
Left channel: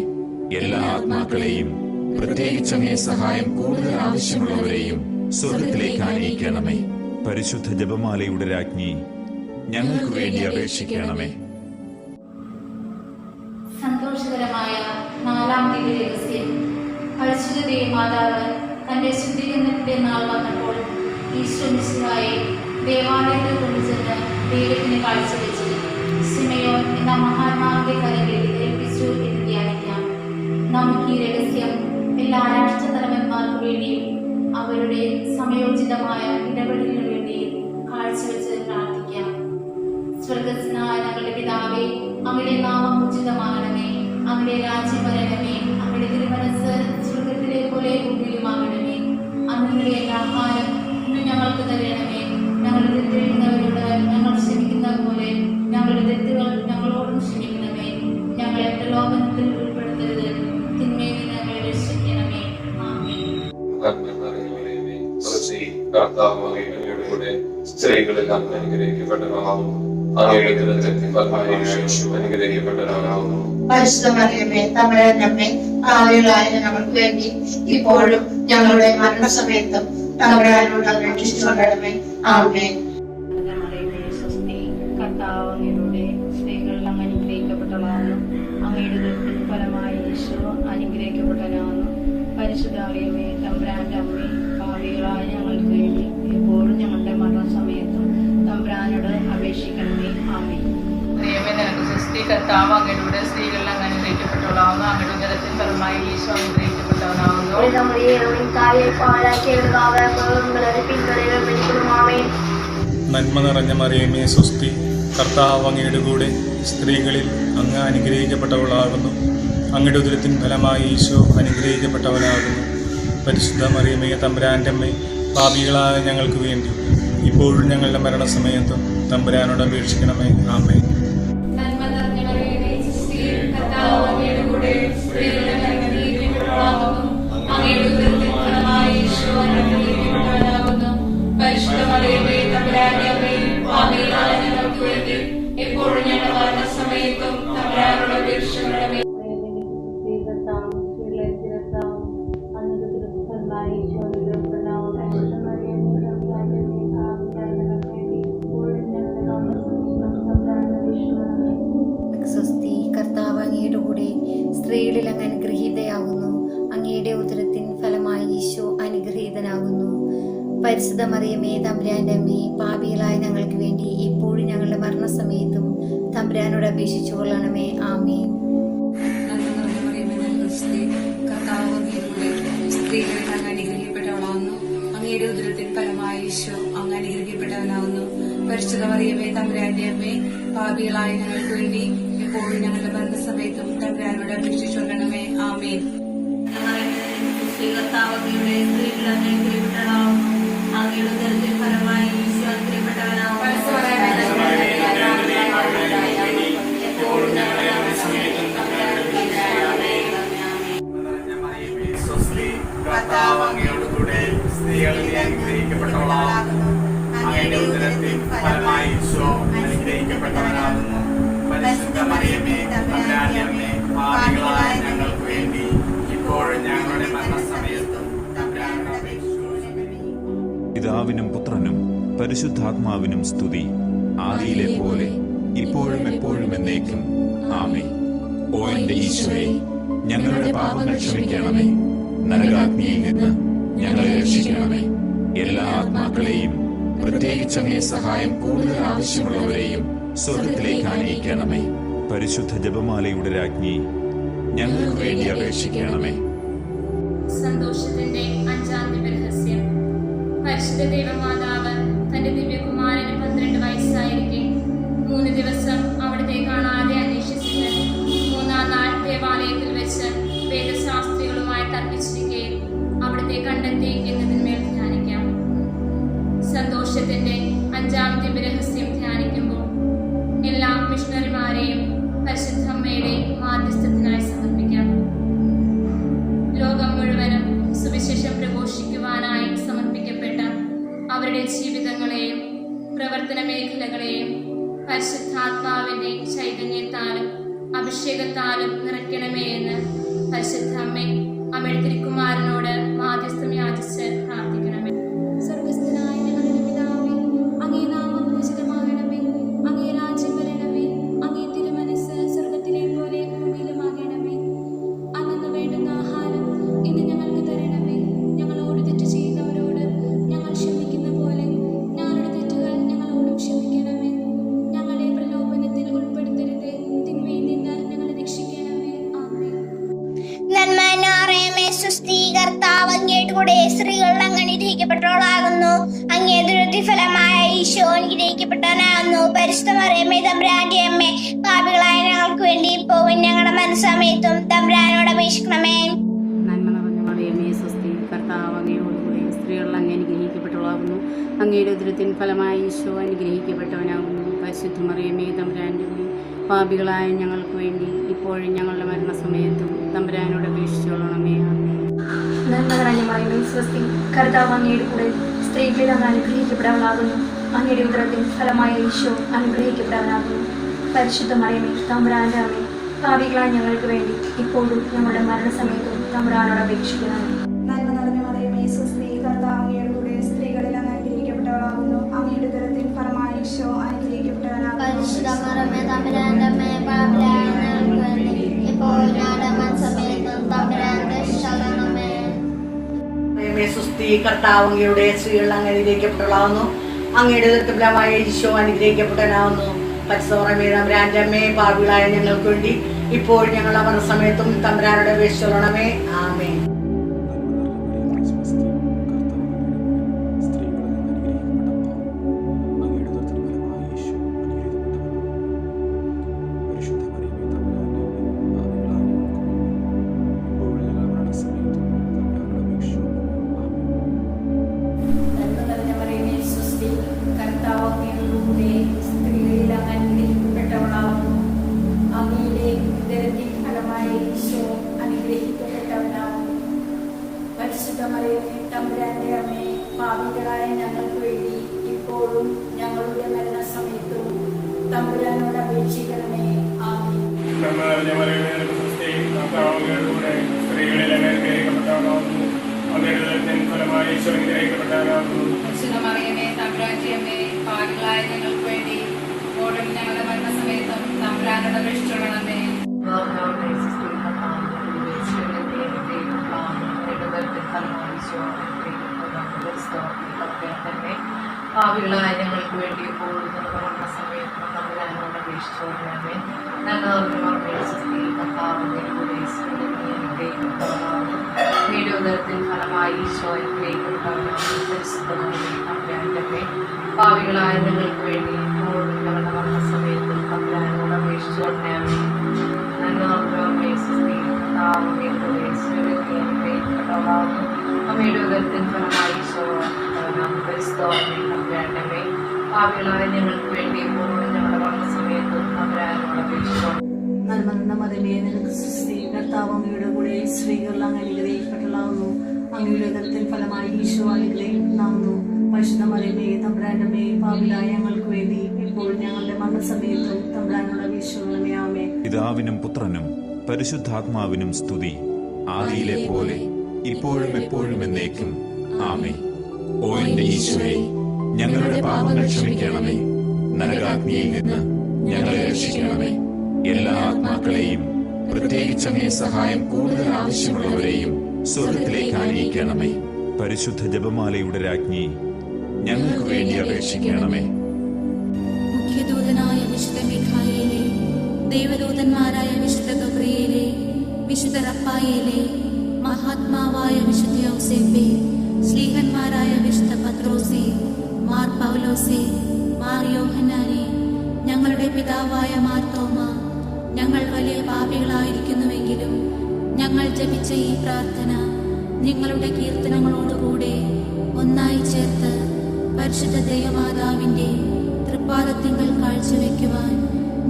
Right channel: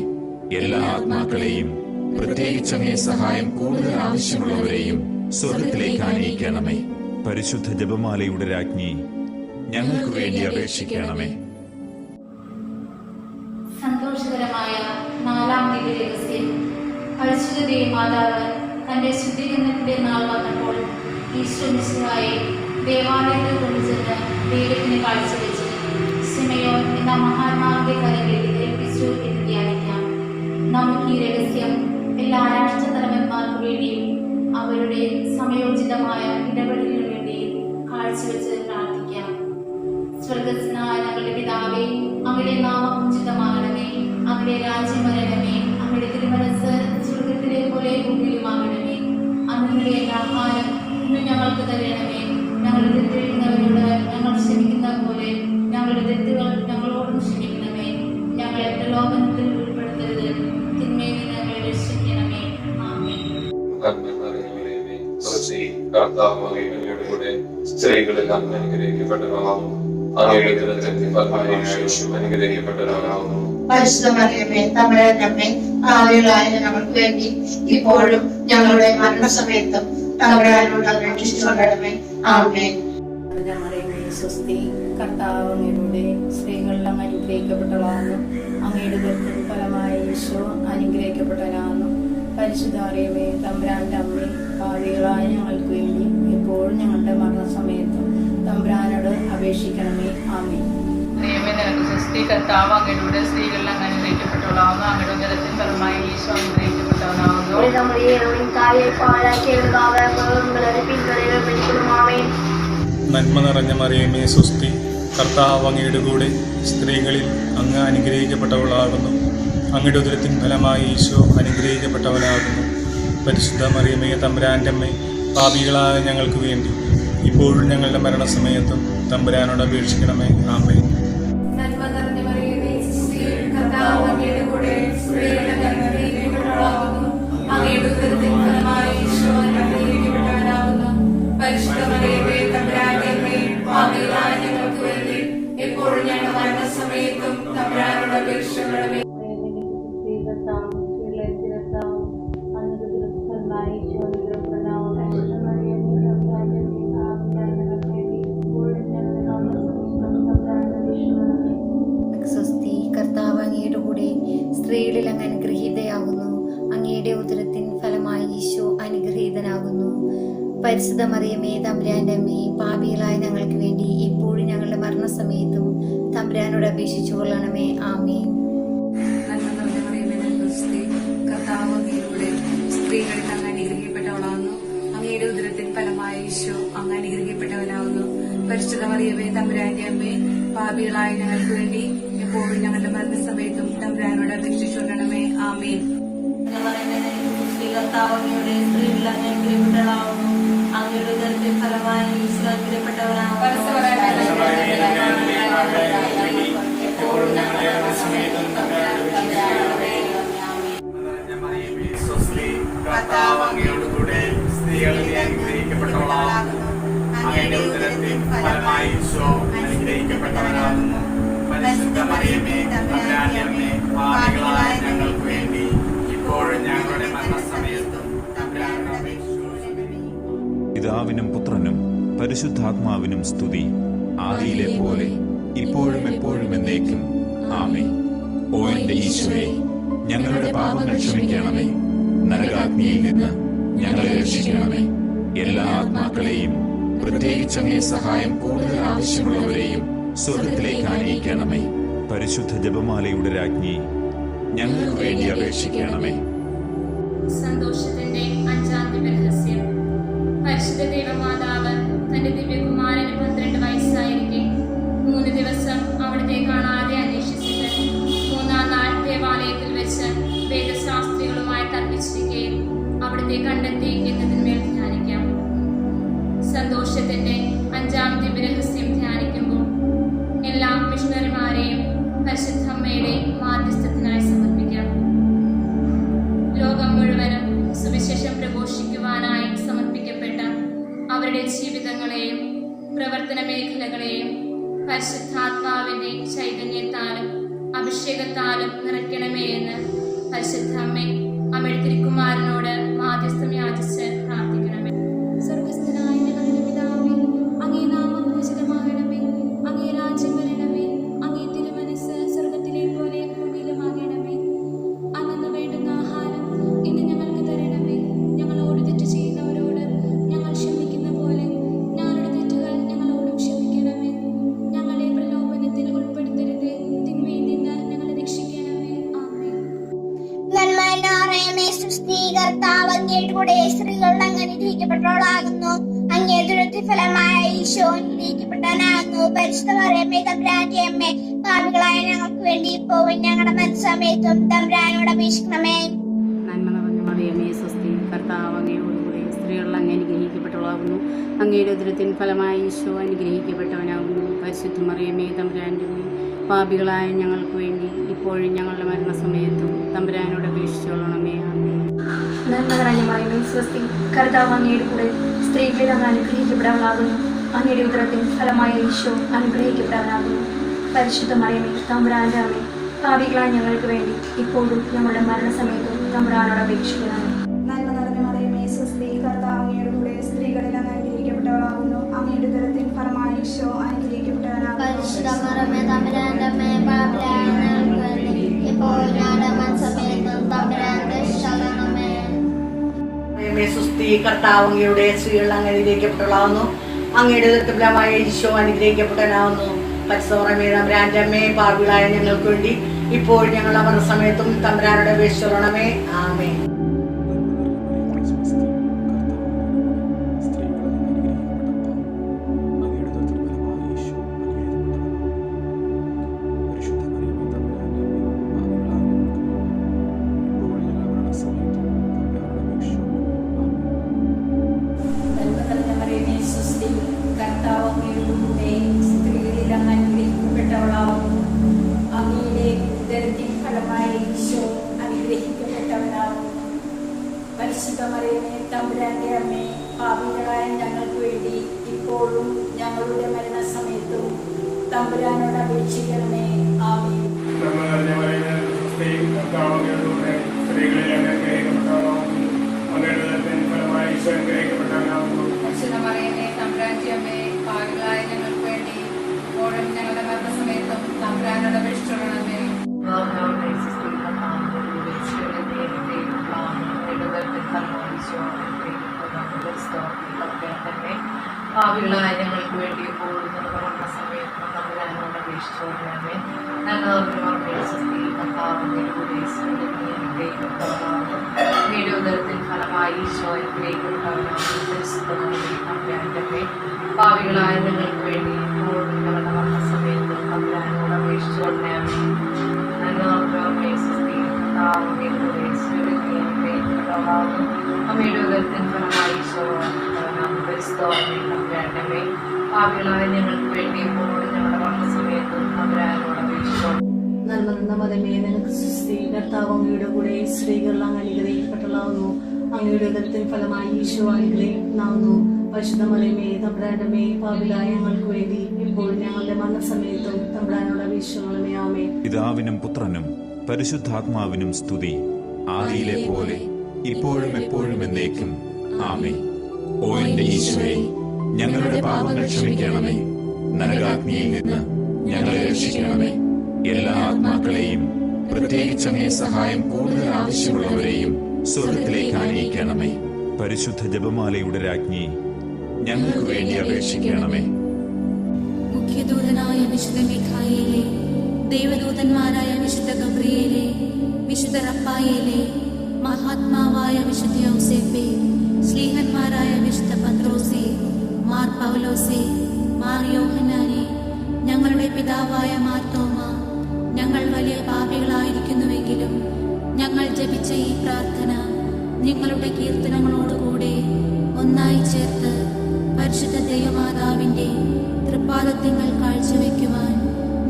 എല്ലാ ആത്മാക്കളെയും പ്രത്യേകിച്ച് അങ്ങേ സഹായം കൂടുതൽ ആവശ്യമുള്ളവരെയും സ്വർഗത്തിലേക്ക് ആനയിക്കണമേ. പരിശുദ്ധ ജപമാലയുടെ രാജ്ഞി, ഞങ്ങൾക്ക് വേണ്ടി അപേക്ഷിക്കണമേ. സന്തോഷകരമായ നാലാം ദിവ്യരഹസ്യം. പരിശുദ്ധ ദേവമാതാവ് തന്റെ ശുദ്ധീകരണത്തിന്റെ നാൾ വന്നപ്പോൾ ഈശോ മിശിഹായെ ദേവാലയത്തിൽ കൊണ്ടുചെന്ന് ദൈവത്തിന് കാഴ്ചവെച്ച് ശിമയോൻ എന്ന മഹാത്മാവിന്റെ കരങ്ങളിൽ ഏൽപ്പിച്ചു എന്ന് ധ്യാനിക്കാം. നമുക്ക് ഈ രഹസ്യം എല്ലാ രാഷ്ട്രതലവന്മാർക്ക് വേണ്ടിയും അവരുടെ സമയോചിതമായ ഇടപെടലിനു വേണ്ടിയും കാഴ്ചവെച്ച് പ്രാർത്ഥിക്കാം. സ്വർഗസ്നായ ഞങ്ങളുടെ പിതാവേ, അങ്ങയുടെ നാമം ഉചിതമാകണമേ, അങ്ങയുടെ രാജ്യം വരണമേ, അങ്ങയുടെ തിരുമനസ് സ്വർഗത്തിലെ പോലെ ഭൂമിയിലുമാകണമേ. അന്നിന്റെ ആഹാരം ഇന്ന് ഞങ്ങൾക്ക് തരണമേ, ഞങ്ങളുടെ തെറ്റെഴുന്നവരോട് ഞങ്ങൾ ക്ഷമിക്കുന്ന പോലെ ഞങ്ങളുടെ തെറ്റുകൾ ഞങ്ങളോടും ക്ഷമിക്കണമേ. ഞങ്ങളെ പ്രലോഭനത്തിൽ ഉൾപ്പെടുത്തരുത്, തിന്മയിൽ നിന്ന് ഞങ്ങളെ രക്ഷിക്കണമേ. ആമേൻ. സ്ത്രീകളിൽ അങ്ങ് അനുഗ്രഹിക്കപ്പെട്ടവളാകുന്നു, അങ്ങയുടെ ഉദരത്തിൻ ഫലമായി യേശു അനുഗ്രഹിക്കപ്പെട്ടവനാകുന്നു. പരിശുദ്ധ മറിയമേ തമ്പുരാന്റെ അമ്മേ, പാപികളായ ഞങ്ങൾക്ക് വേണ്ടി ഇപ്പോഴും ഞങ്ങളുടെ മരണസമയത്തും തമ്പുരാനോട് അപേക്ഷിച്ചുകൊള്ളണമേ. ആമേൻ. സ്വസ്തി കർത്താവ് അങ്ങയുടെ സ്ത്രീകളിൽ അങ്ങ് അനുഗ്രഹിക്കപ്പെട്ടവളാകുന്നു, അങ്ങയുടെ ഉദരത്തിൻ ഫലമായ യേശു അനുഗ്രഹിക്കപ്പെട്ടവനാകുന്നു. പരിശുദ്ധ മറിയമേ തമ്പുരാന്റെ അമ്മേ, പാപികളായ ഞങ്ങൾക്ക് വേണ്ടി എപ്പോഴും ഞങ്ങളുടെ മരണസമയത്തും തമ്പുരാനോട് അപേക്ഷിക്കണമേ. ആമേൻ. മറിയമേ നിനക്ക് സ്വസ്തി കർത്താവ് അങ്ങയുടെ സ്ത്രീകളിൽ അങ്ങ് അനുഗ്രഹിക്കപ്പെട്ടവളാകുന്നു, അങ്ങയുടെ ഉദരത്തിൻ ഫലമായി യേശു അനുഗ്രഹിക്കപ്പെട്ടവനാകുന്നു. നന്മ നിറഞ്ഞ മറിയമേ സുസ്തി കർത്താവ് അങ്ങയുടെ കൂടെ സ്ത്രീകളിൽ അങ്ങ് അനുഗ്രഹിക്കപ്പെട്ടവളാകുന്നു, അങ്ങയുടെ ഉദരത്തിൻ ഫലമായി ഈശോ അനുഗ്രഹിക്കപ്പെട്ടവനാകുന്നു. പരിശുദ്ധ മറിയമേ തമ്പുരാന്റെ അമ്മേ, പാപികളായ ഞങ്ങൾക്ക് വേണ്ടി ഇപ്പോഴും ഞങ്ങളുടെ മരണസമയത്തും തമ്പുരാനോട് അപേക്ഷിക്കണമേ. ആമേൻ. സ്വസ്തി കർത്താവ് അങ്ങയുടെ കൂടെ സ്ത്രീകളിൽ അങ്ങ് അനുഗ്രഹീതയാകുന്നു, അങ്ങയുടെ ഉദരത്തിൻ ഫലമായി ഈശോ അനുഗ്രഹീതനാകുന്നു. പരിശുദ്ധ മറിയമേ തമ്പുരാന്റെ അമ്മേ, പാപികളായ ഞങ്ങൾക്ക് വേണ്ടി ഇപ്പോഴും ഞങ്ങളുടെ മരണസമയത്തും തമ്പുരാനോട് അപേക്ഷിച്ചു കൊള്ളണമേ. ആമേൻ. നന്മ നിറഞ്ഞ മറിയമേ സ്തുതി കർത്താവ് അങ്ങയുടെ സ്ത്രീകളിൽ അങ്ങ് അനുഗ്രഹിക്കപ്പെട്ടവളാകുന്നു, അങ്ങയുടെ ഉദരത്തിൻ ഫലമായി ഈശോ അങ്ങ് അനുഗ്രഹിക്കപ്പെട്ടവനാകുന്നു. പരിശുദ്ധ മറിയമേ തമ്പുരാന്റെ അമ്മേ, പാപികളായ ഞങ്ങൾക്ക് വേണ്ടി എപ്പോഴും ഞങ്ങളുടെ മരണസമയത്തും തമ്പുരാനോട് അപേക്ഷിച്ചുകൊള്ളണമേ. ആമേൻ. കർത്താവ് അങ്ങയുടെ സ്ത്രീകളിൽ അങ്ങ് അനുഗ്രഹിക്കപ്പെട്ടവളാകുന്നു, അങ്ങയുടെ ഉദരത്തിൻ ഫലമായി ഈശോ അനുഗ്രഹിക്കപ്പെട്ടവനാകുന്നു. കർത്താവ് അങ്ങയുടെ കൂടെ സ്ത്രീകളിൽ അനുഗ്രഹിക്കപ്പെട്ടവളാകുന്നു, അങ്ങയുടെ ഉദരത്തിൻ ഫലമായി ഈശോ അനുഗ്രഹിക്കപ്പെട്ടവനാകുന്നു. പരിശുദ്ധ മറിയമേ തമ്പുരാന്റെ അമ്മേ, പാപികളായ ഞങ്ങൾക്ക് വേണ്ടി ഇപ്പോഴും ഞങ്ങളുടെ മരണസമയത്തും തമ്പുരാനോട് അപേക്ഷിച്ചുകൊള്ളണമേ. പിതാവിനും പുത്രനും പരിശുദ്ധാത്മാവിനും സ്തുതി, ആദിയിലെ പോലെ ഇപ്പോഴും എപ്പോഴും എന്നേക്കും ആമേൻ. ഓ എന്റെ ഈശോയെ, ഞങ്ങളുടെ പാപങ്ങൾ ക്ഷമിക്കണമേ, നരകാഗ്നിയിൽ നിന്ന് ഞങ്ങളെ രക്ഷിക്കണമേ, എല്ലാ ആത്മാക്കളെയും പ്രത്യേകിച്ച് അങ്ങേ സഹായം കൂടുതൽ ആവശ്യമുള്ളവരെയും സ്വർഗത്തിലേക്ക് ആനയിക്കണമേ. പരിശുദ്ധ ജപമാലയുടെ രാജ്ഞി, ഞങ്ങൾക്ക് വേണ്ടി അപേക്ഷിക്കണമേ. സന്തോഷത്തിന്റെ അഞ്ചാം ദിവ്യരഹസ്യം. പരിശുദ്ധ ദൈവമാതാവ് തന്റെ ദിവ്യകുമാരന് 12 വയസ്സായിരിക്കെ 3 ദിവസം അവിടുത്തെ കാണാതെ അന്വേഷിച്ചിട്ട് 3-ാം ദേവാലയത്തിൽ വെച്ച് വേദശാസ്ത്രികളുമായി തർക്കിച്ചിരിക്കെ അവിടുത്തെ കണ്ടെത്തി എന്നതിന്മേൽ ധ്യാനിക്കാം. സന്തോഷത്തിന്റെ 5-ാം ദിവ്യരഹസ്യം ധ്യാനിക്കുമ്പോൾ എല്ലാ മിഷണറിമാരെയും പരിശുദ്ധ അമ്മയുടെ മാധ്യസ്ഥത്തിനായി സമർപ്പിക്കാം. ലോകം മുഴുവനും സുവിശേഷം പ്രഘോഷിക്കുവാനായി സമർപ്പിക്കപ്പെട്ട അവരുടെ ജീവിതങ്ങളെയും പ്രവർത്തന മേഖലകളെയും പരിശുദ്ധാത്മാവിന്റെ ചൈതന്യത്താലും അഭിഷേകത്താലും നിറയ്ക്കണമേ എന്ന് പരിശുദ്ധ അമ്മയുടെ തിരുക്കുമാരനോട് മാധ്യസ്ഥം യാചിച്ച് പ്രാർത്ഥിക്കണമേ. സ്വർഗസ്ഥനായ ഞങ്ങളുടെ പിതാവേ, അങ്ങേ നാമം പൂജിതമാകണമേ, അങ്ങേ രാജ്യം വരണമേ, അങ്ങേ തിരുമനസ്സ് സ്വർഗത്തിലെ പോലെ ഭൂമിയിലുമാകണമേ. അന്നു വേണ്ടുന്ന ആഹാരം ഇന്ന് ഞങ്ങൾക്ക് തരണമേ. ഞങ്ങളോട് തെറ്റ് ചെയ്യുന്നവരോട് ഞങ്ങൾ ക്ഷമിക്കുന്ന പോലെ ഞങ്ങളുടെ തെറ്റുകൾ ഞങ്ങളോടും ക്ഷമിക്കണമേ. ഞങ്ങളെ പ്രലോഭനത്തിൽ ഉൾപ്പെടുത്തരുതേ, തിന്മയിൽ നിന്ന് ഞങ്ങളെ രക്ഷിക്കണമേ. ആമേൻ. നന്മ സ്വസ്തി, കർത്താവ് അങ്ങയുടെ കൂടെ സ്ത്രീകൾ അങ്ങ് അനുഗ്രഹിക്കപ്പെട്ടവളാകുന്നു. അങ്ങേ ദുരിത ഫലമായ ഈശോ അനുഗ്രഹിക്കപ്പെട്ടവനാകുന്നു. പരിശുദ്ധ മറിയമേ തമ്പുരാന്റെ അമ്മേ, പാപികളായ ഞങ്ങൾക്ക് വേണ്ടി ഇപ്പോഴും ഞങ്ങളുടെ മനസ്സമയത്തും തമ്പുരാനോട് അപേക്ഷിക്കണമേ. നന്മ നിറഞ്ഞ മറിയമേ സ്വസ്തി, കർത്താവ് അങ്ങയോടുകൂടെ സ്ത്രീകൾ അങ്ങ് അനുഗ്രഹിക്കപ്പെട്ടവളാകുന്നു. അങ്ങയുടെ ഉദരത്തിൻ ഫലമായ ഈശോ അനുഗ്രഹിക്കപ്പെട്ടവനാകുന്നു. പരിശുദ്ധ മറിയമേ തമ്പുരാന്റെ അമ്മേ, പാപികളായ ഞങ്ങൾക്ക് വേണ്ടി ഇപ്പോഴും ഞങ്ങളുടെ മരണസമയത്തും തമ്പുരാനോട് അപേക്ഷിച്ചോളണമേ. ആമേൻ. നന്മ നിറഞ്ഞ മറിയമേ സ്വസ്തി, കർത്താവ് അങ്ങയുടെ കൂടെ സ്ത്രീകളിൽ അങ്ങ് അനുഗ്രഹിക്കപ്പെട്ടവളാകുന്നു. അങ്ങയുടെ ഉദരത്തിൻ ഫലമായ ഈശോ അനുഗ്രഹിക്കപ്പെട്ടവനാകുന്നു. പരിശുദ്ധ മറിയമേ തമ്പുരാന്റെ അമ്മേ, പാപികളായ ഞങ്ങൾക്ക് വേണ്ടി ഇപ്പോഴും ഞങ്ങളുടെ മരണസമയത്തും തമ്പുരാനോട് അപേക്ഷിക്കണമേ. നന്മ നിറഞ്ഞ മറിയമേ സ്വസ്തി, കർത്താവ് അങ്ങയുടെ കൂടെ സ്ത്രീകളിൽ അങ്ങ് അനുഗ്രഹിക്കപ്പെട്ടവളാകുന്നു. അങ്ങയുടെ ഉദരത്തിൻ ഫലമായ ഈശോ അനുഗ്രഹിക്കപ്പെട്ടവനാകുന്നു. പരിശുദ്ധ മറിയമേ തമ്പുരാന്റെ അമ്മേ, പാപികളായ ഞങ്ങൾക്ക് വേണ്ടി ഇപ്പോഴും ഞങ്ങളുടെ മരണസമയത്തും തമ്പുരാനോട് അപേക്ഷിക്കണമേ. സ്വസ്തി, കർത്താവ് അങ്ങയുടെ സ്ത്രീകൾ അങ്ങ് അനുഗ്രഹിക്കപ്പെട്ടവളാകുന്നു. അങ്ങയുടെ ഉദരത്തിൻ ഫലമായ ഈശോ അനുഗ്രഹിക്കപ്പെട്ടവനാകുന്നു. പരിശുദ്ധ മറിയമേ തമ്പുരാന്റെ അമ്മേ, പാപികളായ ഞങ്ങൾക്ക് വേണ്ടി ഇപ്പോഴും ഞങ്ങളുടെ മരണസമയത്തും തമ്പുരാനോട് അപേക്ഷിച്ചോളണമേ. ആമേൻ. കർത്താവ് അങ്ങയുടെ കൂടെ സ്ത്രീകളിൽ അങ്ങ് അനുഗ്രഹിക്കപ്പെട്ടവളാവുന്നു. അങ്ങയുടെ ഉദരത്തിൻ ഫലമായ ഈശോ അനുഗ്രഹിക്കപ്പെട്ടവനാവുന്നു. പരിശുദ്ധ മറിയമേ തമ്പുരാന്റെ അമ്മേ, പാപികളായ ഞങ്ങൾക്ക് വേണ്ടി ഇപ്പോഴും ഞങ്ങളുടെ മരണസമയത്തും തമ്പുരാനോട് അപേക്ഷിക്കണമേ. ആമേൻ. സ്ത്രീകളിൽ അങ്ങ് അനുഗ്രഹിക്കപ്പെട്ടവളാവുന്നു. അങ്ങയുടെ ഉദരത്തിൻ ഫലമായ ഈശോ അനുഗ്രഹിക്കപ്പെട്ടവനാകുന്നു. പരിശുദ്ധ മറിയമേ തമ്പുരാന്റെ അമ്മേ, പാപികളായ ഞങ്ങൾക്ക് വേണ്ടി ഇപ്പോഴും ഞങ്ങളുടെ മരണസമയത്തും തമ്പുരാനോട് അപേക്ഷിച്ചോളണമേ. പാപികളായ ഞങ്ങൾക്ക് വേണ്ടി ഇപ്പോഴും ഞങ്ങളുടെ മരണസമയത്തും തമ്പുരാനോട് അപേക്ഷിച്ചോളണമേ. അങ്ങയുടെ ഉദരത്തിൻ ഫലമായി ഈശോ അനുഗ്രഹിക്കപ്പെട്ടവനാകുന്നു. പാപികളായ ഞങ്ങൾക്ക് വേണ്ടി ഇപ്പോഴും ഞങ്ങളുടെ മരണസമയത്തും തമ്പുരാനോട് അപേക്ഷിച്ചോളണമേ. അമ്മയുടെ ഉദരത്തിൻ ഫലമായി ഈശോ തമ്പുരാന്റെ പാപികളായ ഞങ്ങൾക്ക് വേണ്ടി ഇപ്പോഴും ഞങ്ങളുടെ മരണസമയത്തും തമ്പുരാനോട് അപേക്ഷിച്ചോളണമേ. നന്മ നിറഞ്ഞ മറിയമേ നിനക്ക് സ്തുതി, കർത്താവ് അങ്ങയുടെ കൂടെ സ്ത്രീകൾ അങ്ങ് അനുഗ്രഹിക്കപ്പെട്ടവളാകുന്നു. അങ്ങയുടെ ഉദരത്തിൻ ഫലമായി ഈശോ അനുഗ്രഹിക്കപ്പെടാവുന്നു. പരിശുദ്ധ മറിയമേ തമ്പുരാന്റെ അമ്മേ, പാപികളായ ഞങ്ങൾക്ക് വേണ്ടി ഇപ്പോഴും ഞങ്ങളുടെ മരണസമയത്തും തമ്പുരാനോട് അപേക്ഷിക്കണമേ. ആമേൻ. പിതാവിനും പുത്രനും പരിശുദ്ധാത്മാവിനും സ്തുതി, ആദിയിലെ പോലെ ഇപ്പോഴും എപ്പോഴും എന്നേക്കും. ആമേൻ. ഓ എന്റെ ഈശോയെ, ഞങ്ങളുടെ പാപങ്ങൾ ക്ഷമിക്കണമേ, നരകാഗ്നിയിൽ നിന്ന് ഞങ്ങളെ രക്ഷിക്കണമേ. എല്ലാ ആത്മാക്കളെയും പ്രത്യേകിച്ച് അങ്ങേ സഹായം കൂടുതൽ ആവശ്യമുള്ളവരെയും സ്വർഗത്തിലേക്ക് ആനയിക്കണമേ. പരിശുദ്ധ ജപമാലയുടെ രാജ്ഞി, ഞങ്ങൾക്ക് വേണ്ടി അപേക്ഷിക്കണമേ. മുഖ്യദൂതനായ വിശുദ്ധ മിഖായേലേ, ദേവദൂതന്മാരായ വിശുദ്ധ ഗബ്രിയേലേ, വിശുദ്ധ റഫായേലേ, മഹാത്മാവായ വിശുദ്ധ യൗസേപ്പേ, ശ്ലീഹന്മാരായ വിശുദ്ധ പത്രോസേ, മാർ പൗലോസേ, മാർ യോഹന്നാനേ, ഞങ്ങളുടെ പിതാവായ മാർത്തോമ, ഞങ്ങൾ വലിയ പാപികളായിരിക്കുന്നുവെങ്കിലും ഞങ്ങൾ ജപിച്ച ഈ പ്രാർത്ഥന നിങ്ങളുടെ കീർത്തനങ്ങളോടുകൂടെ ഒന്നായി ചേർത്ത് പരിശുദ്ധ ദൈവമാതാവിന്റെ തൃപ്പാദത്തിങ്കൽ കാഴ്ചവെക്കുവാൻ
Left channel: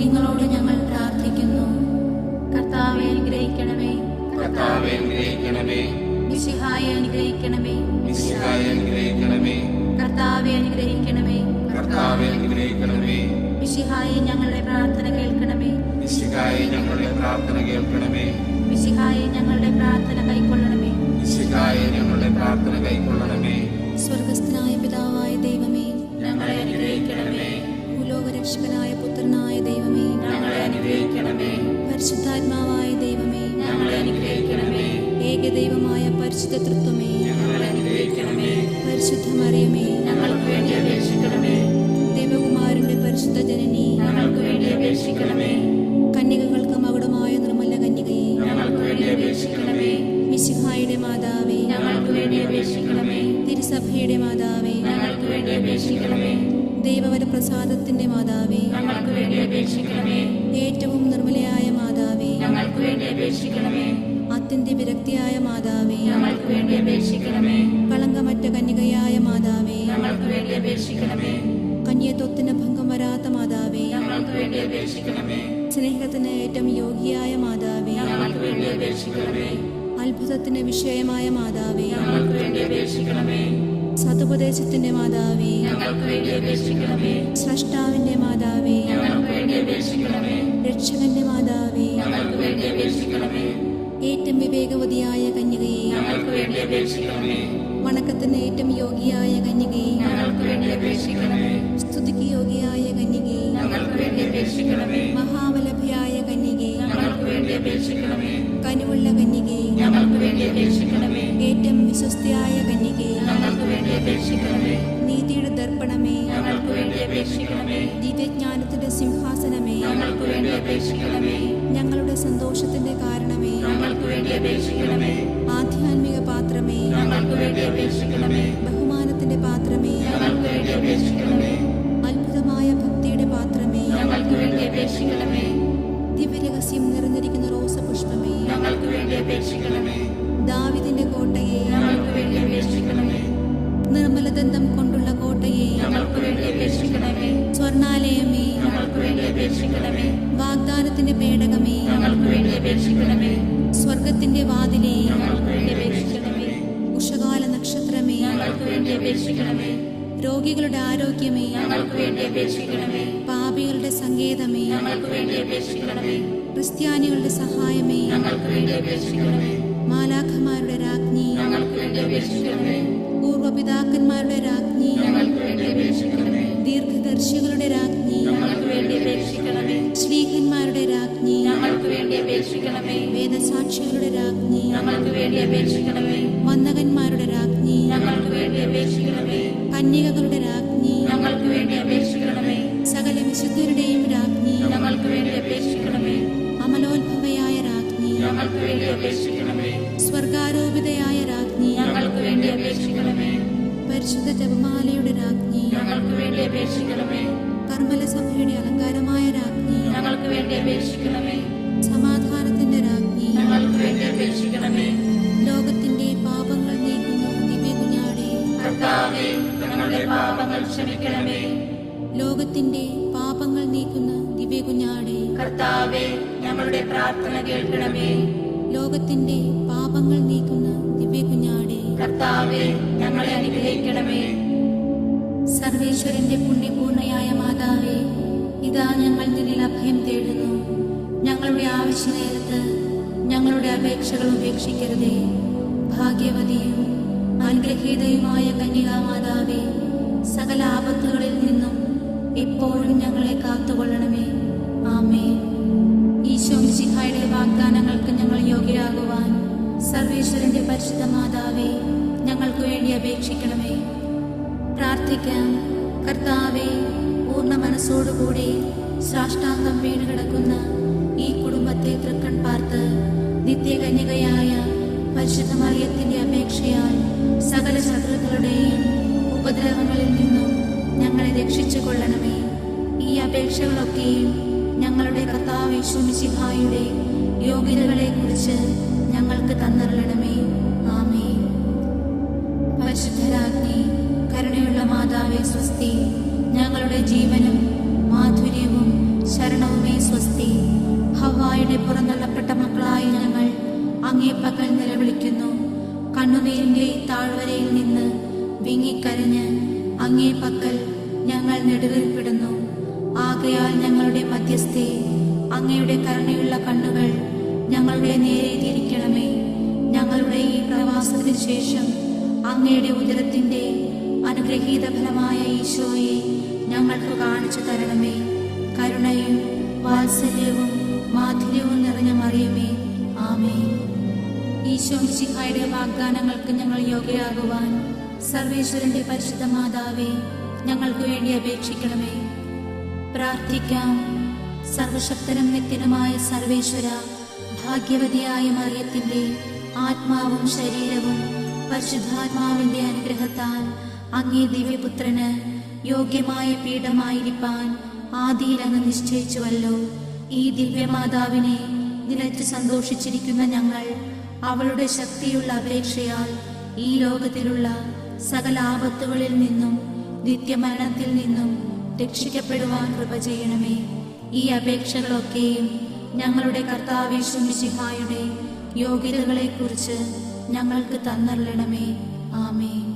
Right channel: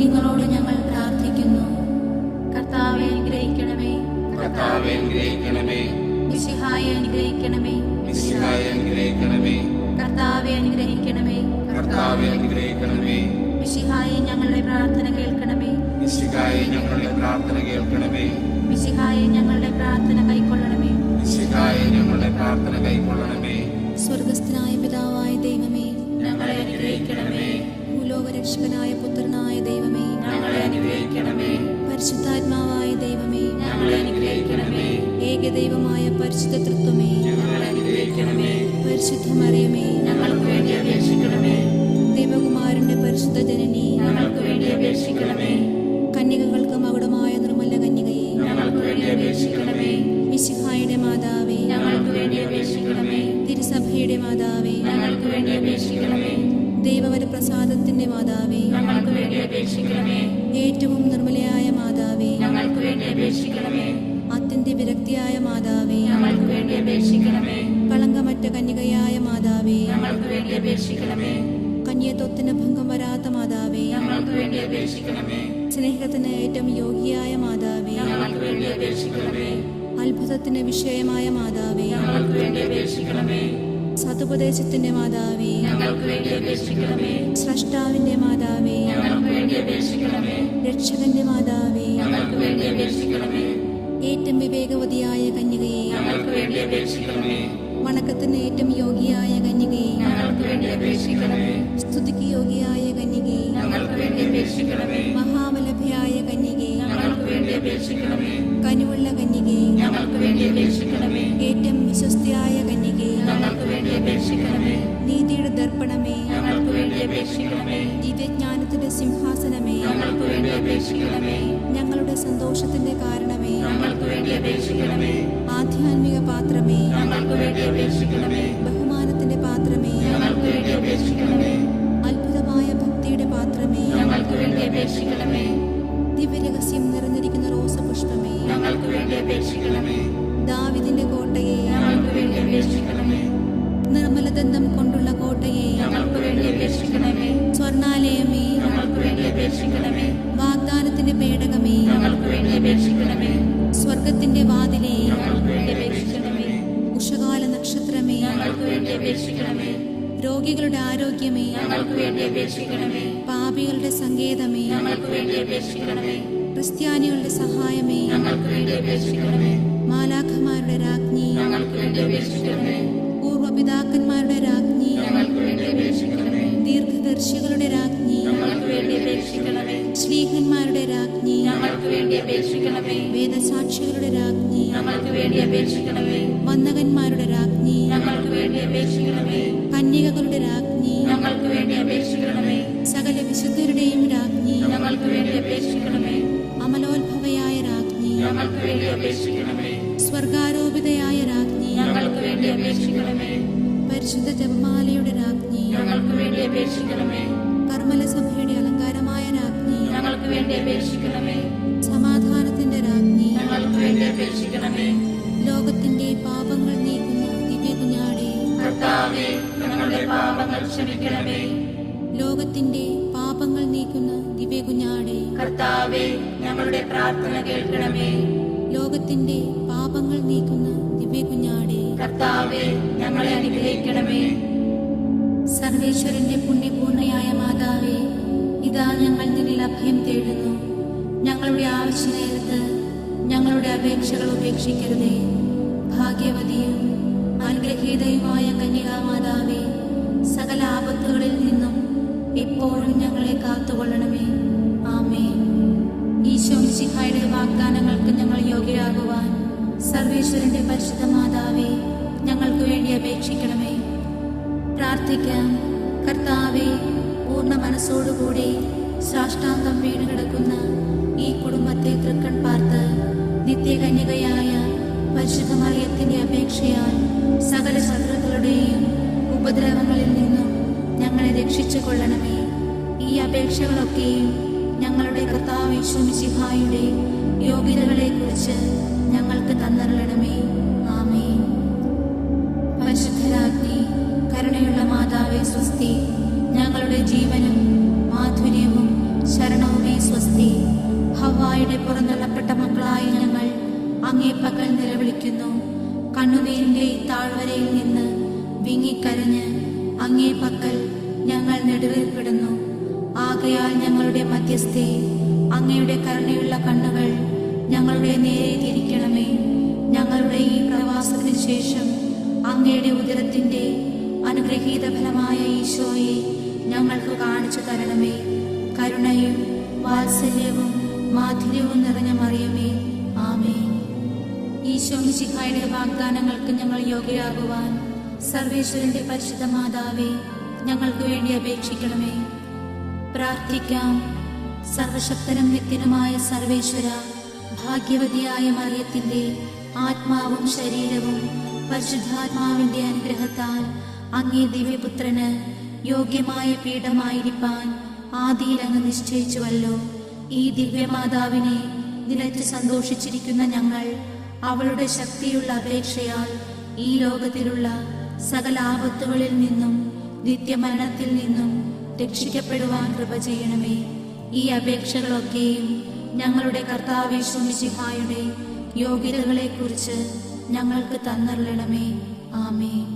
നിങ്ങളോട് ഞങ്ങൾ പ്രാർത്ഥിക്കുന്നു. കർത്താവെ അനുഗ്രഹിക്കണമേ, കർത്താവെ അനുഗ്രഹിക്കണമേ, മിശിഹായെ അനുഗ്രഹിക്കണമേ, മിശിഹായെ അനുഗ്രഹിക്കണമേ, കർത്താവെ അനുഗ്രഹിക്കണമേ, കർത്താവെ അനുഗ്രഹിക്കണമേ, മിശിഹായെ ഞങ്ങളുടെ പ്രാർത്ഥന കേൾക്കണമേ, മിശിഹായെ ഞങ്ങളുടെ പ്രാർത്ഥന കേൾക്കണമേ, മിശിഹായെ ഞങ്ങളുടെ പ്രാർത്ഥന കൈക്കൊള്ളണമേ, മിശിഹായെ ഞങ്ങളുടെ പ്രാർത്ഥന കൈക്കൊള്ളണമേ. സ്വർഗസ്ഥനായ പിതാവായ ദൈവമേ, ഞങ്ങളെ അനുഗ്രഹിക്കണമേ, ഭൂലോകരക്ഷകനായ പുത്രനായ ദൈവമേ, ഞങ്ങളെ അനുഗ്രഹിക്കണമേ, പരിശുദ്ധാത്മാവായ ദൈവമേ, ഞങ്ങളെ അനുഗ്രഹിക്കണമേ, ഏകദൈവമായ പരിശുദ്ധ തൃത്വമേ, ഞങ്ങളെ അനുഗ്രഹിക്കണമേ, പരിശുദ്ധ മറിയമേ, ഞങ്ങൾക്ക് വേണ്ടി അപേക്ഷിക്കണമേ, ദേവകുമാരന്റെ പരിശുദ്ധ ജനനി, ഞങ്ങൾക്ക് വേണ്ടി അപേക്ഷിക്കണമേ, കന്യകകൾക്ക് മകുടമായ നിർമ്മല കന്യകയെ, ഞങ്ങൾക്ക് വേണ്ടി അപേക്ഷിക്കണമേ, മിശിഹായുടെ മാതാവേ, ഞങ്ങൾക്ക് വേണ്ടി അപേക്ഷിക്കണമേ, തിരുസഭയുടെ മാതാവേ, ഞങ്ങൾക്ക് വേണ്ടി അപേക്ഷിക്കണമേ, ദൈവവരപ്രസാദത്തിന്റെ മാതാവേ, ഞങ്ങൾക്ക് വേണ്ടി അപേക്ഷിക്കണമേ, ഏറ്റവും നിർമ്മലയായ മാതാവേ, ഞങ്ങൾക്ക് വേണ്ടി അപേക്ഷിക്കണമേ, അത്യന്ത വിരക്തിയായ മാതാവേ, ഞങ്ങൾക്ക് വേണ്ടി അപേക്ഷിക്കണമേ, കളങ്കമറ്റ കന്യകയായ മാതാവേ, ഞങ്ങൾക്ക് വേണ്ടി അപേക്ഷിക്കണമേ, കന്യത്വത്തിന് ഭംഗം വരാത്ത മാതാവേ, ഞങ്ങൾക്ക് വേണ്ടി അപേക്ഷിക്കണമേ, സ്നേഹത്തിന് ഏറ്റവും യോഗ്യയായ മാതാവേ, ഞങ്ങൾക്ക് വേണ്ടി അപേക്ഷിക്കണമേ, അത്ഭുതത്തിന് വിഷയമായ മാതാവേ, ഞങ്ങൾക്ക് വേണ്ടി അപേക്ഷിക്കണമേ, സതുപദേശത്തിന്റെ മാതാവേ, ഞങ്ങൾക്ക് വേണ്ടി അപേക്ഷിക്കണമേ, സ്രഷ്ടാവിന്റെ മാതാവേ, ഞങ്ങൾക്ക് വേണ്ടി അപേക്ഷിക്കണമേ, രക്ഷകന്റെ മാതാവേ, ഞങ്ങൾക്ക് വേണ്ടി അപേക്ഷിക്കണമേ, ഏറ്റവും വിവേകവതിയായ കന്യകയെ, ഞങ്ങൾക്ക് വേണ്ടി അപേക്ഷിക്കണമേ, വണക്കത്തിന് ഏറ്റവും യോഗ്യയായ കന്യകയെ, ഞങ്ങൾക്ക് വേണ്ടി അപേക്ഷിക്കണമേ, സ്തുതിക്ക് യോഗ്യയായ കന്യകയെ, ഞങ്ങൾക്ക് വേണ്ടി അപേക്ഷിക്കണമേ, മഹാവലഭയായ കന്യകയെ, ഞങ്ങൾക്ക് വേണ്ടി അപേക്ഷിക്കണമേ, കനിവുള്ള കന്യകയെ, ഞങ്ങൾക്ക് വേണ്ടി അപേക്ഷിക്കണമേ, ഏറ്റവും വിശ്വസ്തയായ കന്യകയെ, ഞങ്ങൾക്ക് വേണ്ടി അപേക്ഷിക്കണമേ, നീതിയുടെ ദർപ്പണമേ, ഞങ്ങൾക്ക് വേണ്ടി അപേക്ഷിക്കണമേ, ദിവ്യജ്ഞാനത്തിന്റെ സിംഹാസനമേ, ഞങ്ങൾക്ക് വേണ്ടി അപേക്ഷിക്കണമേ, ഞങ്ങളുടെ സന്തോഷത്തിന്റെ കാരണമേ, ഞങ്ങൾക്ക് വേണ്ടി അപേക്ഷിക്കണമേ, ആധ്യാത്മിക പാത്രമേ, ഞങ്ങൾക്ക് വേണ്ടി അപേക്ഷിക്കണമേ, ബഹുമാനത്തിന്റെ പാത്രമേ, ഞങ്ങൾക്ക് വേണ്ടി അപേക്ഷിക്കണമേ, അത്ഭുതമായ ഭക്തിയുടെ പാത്രമേ, ഞങ്ങൾക്ക് വേണ്ടി അപേക്ഷിക്കണമേ, ദിവ്യരഹസ്യം നിറഞ്ഞിരിക്കുന്ന റോസപുഷ്പമേ, ഞങ്ങൾക്ക് വേണ്ടി അപേക്ഷിക്കണമേ, ദാവിദിന്റെ കോട്ടയെ, ഞങ്ങൾക്ക് വേണ്ടി അപേക്ഷിക്കണമേ, നിർമ്മലദന്തം കൊണ്ടുള്ള കോട്ടയെ, ഞങ്ങൾക്ക് വേണ്ടി അപേക്ഷിക്കണമേ, സ്വർണാലയമേ, ഞങ്ങൾക്ക് വേണ്ടി അപേക്ഷിക്കണമേ, വാഗ്ദാനത്തിന്റെ പേടകമേ, ഞങ്ങൾക്ക് വേണ്ടി അപേക്ഷിക്കണമേ, സ്വർഗത്തിന്റെ വാതിലേ, ഞങ്ങൾക്ക് വേണ്ടി അപേക്ഷിക്കണമേ, ഉഷകാല നക്ഷത്രമേ, ഞങ്ങൾക്ക് വേണ്ടി അപേക്ഷിക്കണമേ, രോഗികളുടെ ആരോഗ്യമേ, ഞങ്ങൾക്ക് വേണ്ടി അപേക്ഷിക്കണമേ, പാപികളുടെ സങ്കേതമേ, ഞങ്ങൾക്ക് വേണ്ടി അപേക്ഷിക്കണമേ, ക്രിസ്ത്യാനികളുടെ സഹായമേ, ഞങ്ങൾക്ക് വേണ്ടി അപേക്ഷിക്കണമേ, മാലാഖമാരുടെ രാജ്ഞി, ഞങ്ങൾക്ക് വേണ്ടി അപേക്ഷിക്കണമേ, പൂർവപിതാക്കന്മാരുടെ രാജ്ഞി, ഞങ്ങൾക്ക് വേണ്ടി അപേക്ഷിക്കണമേ, ദീർഘദർശികളുടെ രാജ്ഞി, ഞങ്ങൾക്ക് വേണ്ടി അപേക്ഷിക്കണമേ, ശ്ലീഹന്മാരുടെ രാജ്ഞി, ഞങ്ങൾക്ക് വേണ്ടി അപേക്ഷിക്കണമേ, വേദസാക്ഷികളുടെ രാജ്ഞി, ഞങ്ങൾക്ക് വേണ്ടി അപേക്ഷിക്കണമേ, വന്ദകന്മാരുടെ രാജ്ഞി, ഞങ്ങൾക്ക് വേണ്ടി അപേക്ഷിക്കണമേ, കന്യകകളുടെ രാജ്ഞി, ഞങ്ങൾക്ക് വേണ്ടി അപേക്ഷിക്കണമേ, സകല വിശുദ്ധരുടെയും രാജ്ഞി, ഞങ്ങൾക്ക് വേണ്ടി അപേക്ഷിക്കണമേ, അമലോത്ഭവയായ രാജ്ഞി, ഞങ്ങൾക്ക് വേണ്ടി അപേക്ഷിക്കണമേ, സ്വർഗാരോപിതയായ രാജ്ഞി, ഞങ്ങൾക്ക് വേണ്ടി അപേക്ഷിക്കണമേ, പരിശുദ്ധ ജപമാലയുടെ രാജ്ഞി, ഞങ്ങൾക്ക് വേണ്ടി അപേക്ഷിക്കണമേ, കർമ്മല സഭയുടെ അലങ്കാരമായ രാജ്ഞി, ഞങ്ങൾക്ക് വേണ്ടി അപേക്ഷിക്കണമേ, സമാധാനത്തിന്റെ രാജ്ഞി, ഞങ്ങൾക്ക് വേണ്ടി അപേക്ഷിക്കണമേ, ലോകത്തിന്റെ പാപങ്ങൾ നീക്കുന്ന ദിവ്യ കുഞ്ഞാടേ, കർത്താവേ ഞങ്ങളുടെ പാപങ്ങൾ ക്ഷമിക്കണമേ, ലോകത്തിന്റെ പാപങ്ങൾ നീക്കുന്ന ദിവ്യ കുഞ്ഞാടേ, കർത്താവേ ഞങ്ങളുടെ പ്രാർത്ഥന കേൾക്കണമേ, ലോകത്തിന്റെ പാപങ്ങൾ നീക്കുന്ന ദിവ്യ കുഞ്ഞാടേ, കർത്താവേ ഞങ്ങളെ അനുഗ്രഹിക്കണമേ, സർവേശ്വരന്റെ പുണ്യപൂർണയായ മാതാവേ, ഇതാ ഞങ്ങൾ നിന്നിൽ അഭയം തേടുന്നു. ഞങ്ങളുടെ ആവശ്യ നേരത്ത് ഞങ്ങളുടെ അപേക്ഷകൾ ഉപേക്ഷിക്കരുതേ. ഭാഗ്യവതിയും അനുഗ്രഹീതയുമായ കന്യകാമാതാവേ, സകല ആപത്തുകളിൽ നിന്നും എപ്പോഴും ഞങ്ങളെ കാത്തുകൊള്ളണമേ. ആമേൻ. ഈശോ മിശിഹായുടെ വാഗ്ദാനങ്ങൾക്ക് ഞങ്ങൾ യോഗ്യരാകുവാൻ സർവേശ്വരന്റെ പരിശുദ്ധ മാതാവേ, ഞങ്ങൾക്ക് വേണ്ടി അപേക്ഷിക്കണമേ. പ്രാർത്ഥിക്കാം. കർത്താവേ, പൂർണ്ണ മനസ്സോടുകൂടി സാഷ്ടാംഗം വീണുകിടക്കുന്ന ഈ കുടുംബത്തെ തൃക്കൺ പാർത്ത് നിത്യകന്യകയായ പരിശുദ്ധ മറിയത്തിന്റെ അപേക്ഷയാൽ സകല ശത്രുക്കളുടെയും ഉപദ്രവങ്ങളിൽ നിന്നും ഞങ്ങളെ രക്ഷിച്ചു കൊള്ളണമേ. ഈ അപേക്ഷകളൊക്കെയും ഞങ്ങളുടെ കർത്താവ് യേശു മിശിഹായുടെ യോഗ്യതകളെക്കുറിച്ച് ഞങ്ങൾക്ക് തന്നരുളണമേ. ആമേൻ. പരിശുദ്ധരാജ്ഞി, കരുണയുള്ള മാതാവേ സ്വസ്തി. ഞങ്ങളുടെ ജീവനും മാധുര്യവും ശരണവുമേ സ്വസ്തി. ഹവ്വായുടെ പുറന്തള്ളപ്പെട്ട മക്കളായ ഞങ്ങൾ അങ്ങേ പക്കൽ നിലവിളിക്കുന്നു. കണ്ണുനീരിന്റെ താഴ്വരയിൽ നിന്ന് വിങ്ങിക്കരഞ്ഞ് അങ്ങേ പക്കൽ ഞങ്ങൾ നെടുവേർപ്പെടുന്നു. ആകയാൽ ഞങ്ങളുടെ മധ്യസ്ഥേ, അങ്ങയുടെ കരുണയുള്ള കണ്ണുകൾ ഞങ്ങളുടെ നേരെ തിരിക്കണമേ. ഞങ്ങളുടെ ഈ പ്രവാസത്തിന് ശേഷം അങ്ങയുടെ ഉദരത്തിന്റെ അനുഗ്രഹീത ഫലമായ ഈശോയെ ഞങ്ങൾക്ക് കാണിച്ചു തരണമേ. കരുണയും വാത്സല്യവും മാധുര്യവും നിറഞ്ഞ മറിയമേ, ആമേൻ. ഈശോ മിശിഹായുടെ വാഗ്ദാനങ്ങൾക്ക് ഞങ്ങൾ യോഗ്യരാകുവാൻ സർവേശ്വരന്റെ പരിശുദ്ധ മാതാവേ, ഞങ്ങൾക്ക് വേണ്ടി അപേക്ഷിക്കണമേ. പ്രാർത്ഥിക്കാം. സർവശക്തനും നിത്യനുമായ സർവേശ്വര, ഭാഗ്യവതിയായ മറിയത്തിന്റെ ആത്മാവും ശരീരവും പരിശുദ്ധാത്മാവിന്റെ അനുഗ്രഹത്താൽ അങ്ങേ ദിവ്യപുത്രന് യോഗ്യമായ പീഠമായിരിക്കാൻ ആദിയിൽ അങ്ങ് നിശ്ചയിച്ചുവല്ലോ. ഈ ദിവ്യമാതാവിനെ നിലച്ച് സന്തോഷിച്ചിരിക്കുന്ന ഞങ്ങൾ അവളുടെ ശക്തിയുള്ള അപേക്ഷയാൽ ഈ ലോകത്തിലുള്ള സകല ആപത്തുകളിൽ നിന്നും നിത്യമരണത്തിൽ നിന്നും രക്ഷിക്കപ്പെടുവാൻ കൃപ ചെയ്യണമേ. ഈ അപേക്ഷകളൊക്കെയും ഞങ്ങളുടെ കർത്താവ് യേശു മിശിഹായുടെ യോഗ്യതകളെക്കുറിച്ച് ഞങ്ങൾക്ക് തന്നരുളണമേ. ആമേൻ.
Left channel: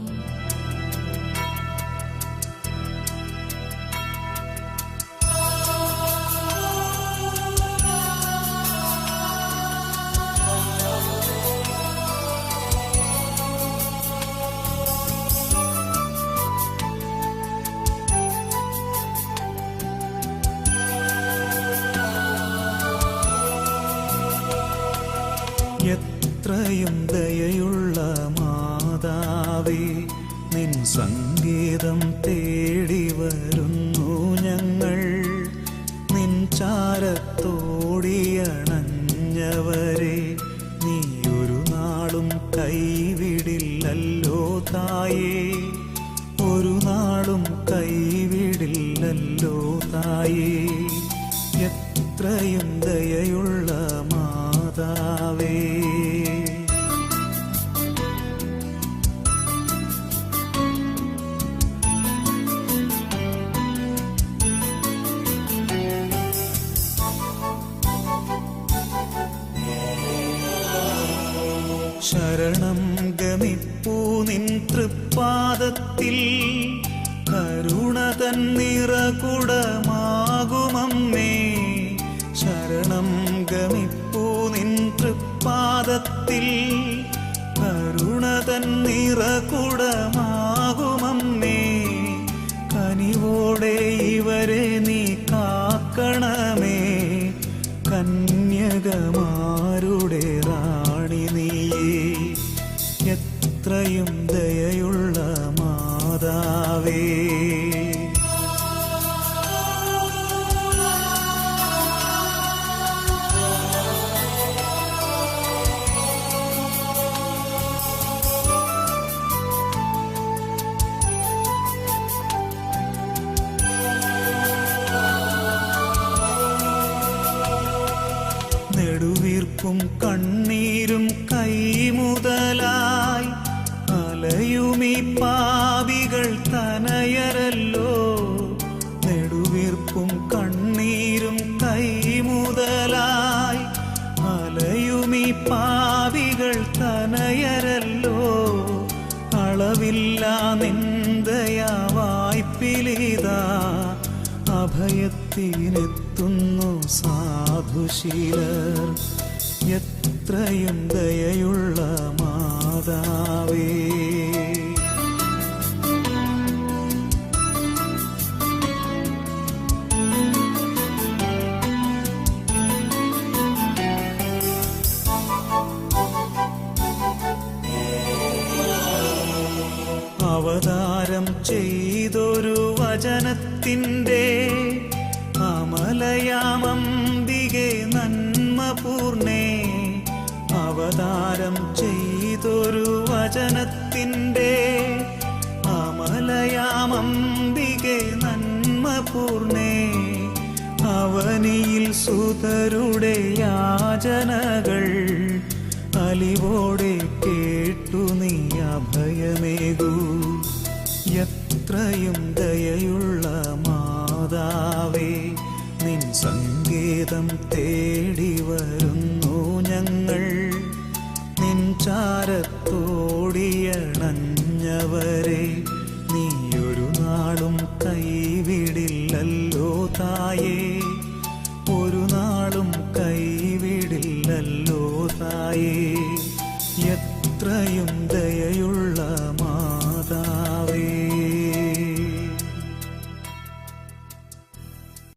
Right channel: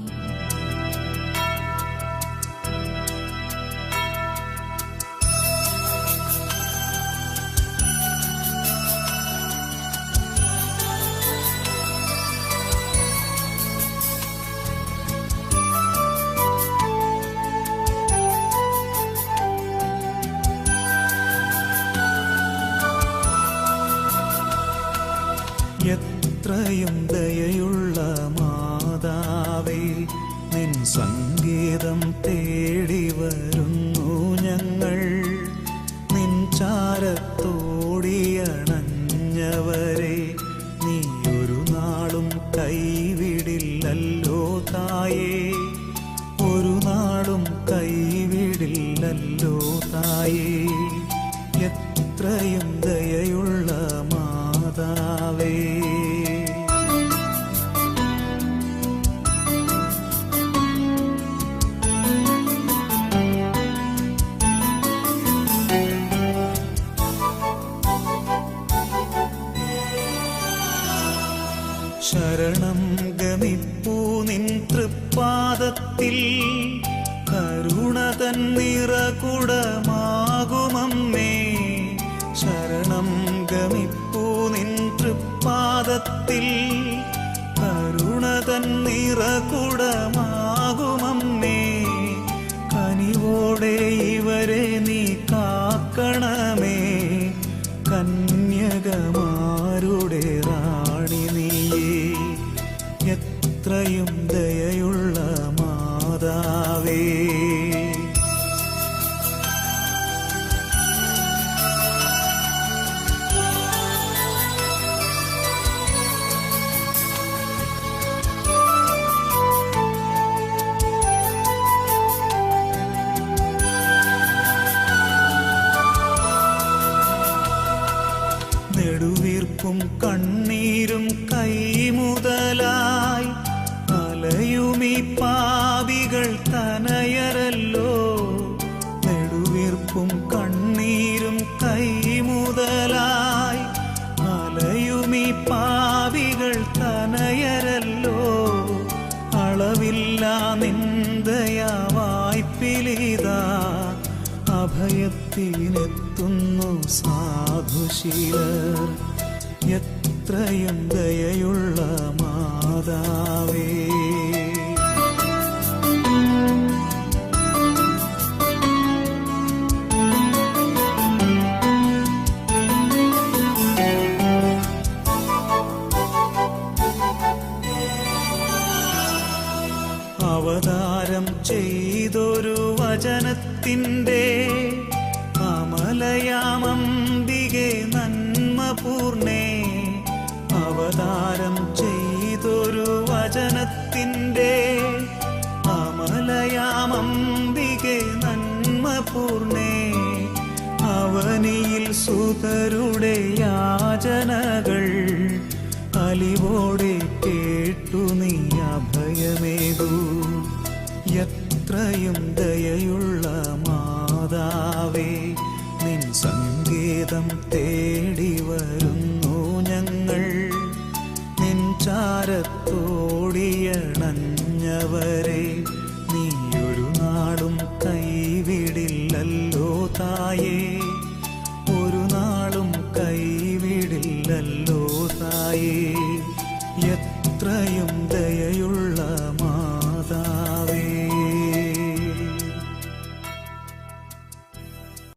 എത്രയും ദയയുള്ള മാതാവേ, നിൻ സംഗീതം തേടി വരുന്നു ഞങ്ങൾ. നിൻ ചാരത്തോടിയണഞ്ഞവരെ നീ ഒരു നാളും കൈവിടില്ലല്ലോ തായേ, ഒരു നാളും കൈവിടില്ലല്ലോ തായേ. എത്രയും ദയയുള്ള മാതാവേ. ശരണം ഗമിപ്പൂ നിൻ തൃപ്പാദത്തിൽ, കരുണ തന്നിറകുടമാകുമമ്മേ. ശരണം ഗമിപ്പൂ നിൻ തൃപ്പാദത്തിൽ, കരുണ തന്നിറകുടമാകുമമ്മേ. കനിവോടെ ഇവരെ നീ കാക്കണമേ, കന്യകമാരുടെ റാണി നീയേ. എത്രയും ദയയുള്ള മാതാവേ. നെടുവീർപ്പും കണ്ണീരും കൈമുതലായി അലയുമീ പാപികൾ തനയരല്ലോ. നെടുവീർപ്പും കണ്ണീരും കൈമുതലായി അലയുമീ പാപികൾ തനയരല്ലോ. അളവില്ല നിന്ദയാവായ്പിലിതാ, അഭയത്തിനെത്തുന്നു സാധുശീലർ. എത്രയും ദയയുള്ള മാതാവേ. അവതാരം ചെയ്തൊരു വചനത്തിൻ്റെ അമലയാമംബികെ നന്മപൂർണേ. അവതാരം ചെയ്തൊരു വചനത്തിൻ്റെ അമലയാമംബികെ നന്മപൂർണേ. അവനിയിൽ സുതരുടെ യാചനകൾ അലിവോടെ കേട്ടു നീ അഭയമേകൂ. എത്രയും ദയയുള്ള മാതാവേ, നിൻ സങ്കേതം തേടി വരുന്നു ഞങ്ങൾ. നിൻ ചാരത്തോടിയണഞ്ഞവരെ നീയൊരു നാളും കൈവിടില്ലല്ലോ തായേ, ഒരു നാളും കൈവിടില്ലല്ലോ തായേ. എത്രയും ദയയുള്ള മാതാവേ.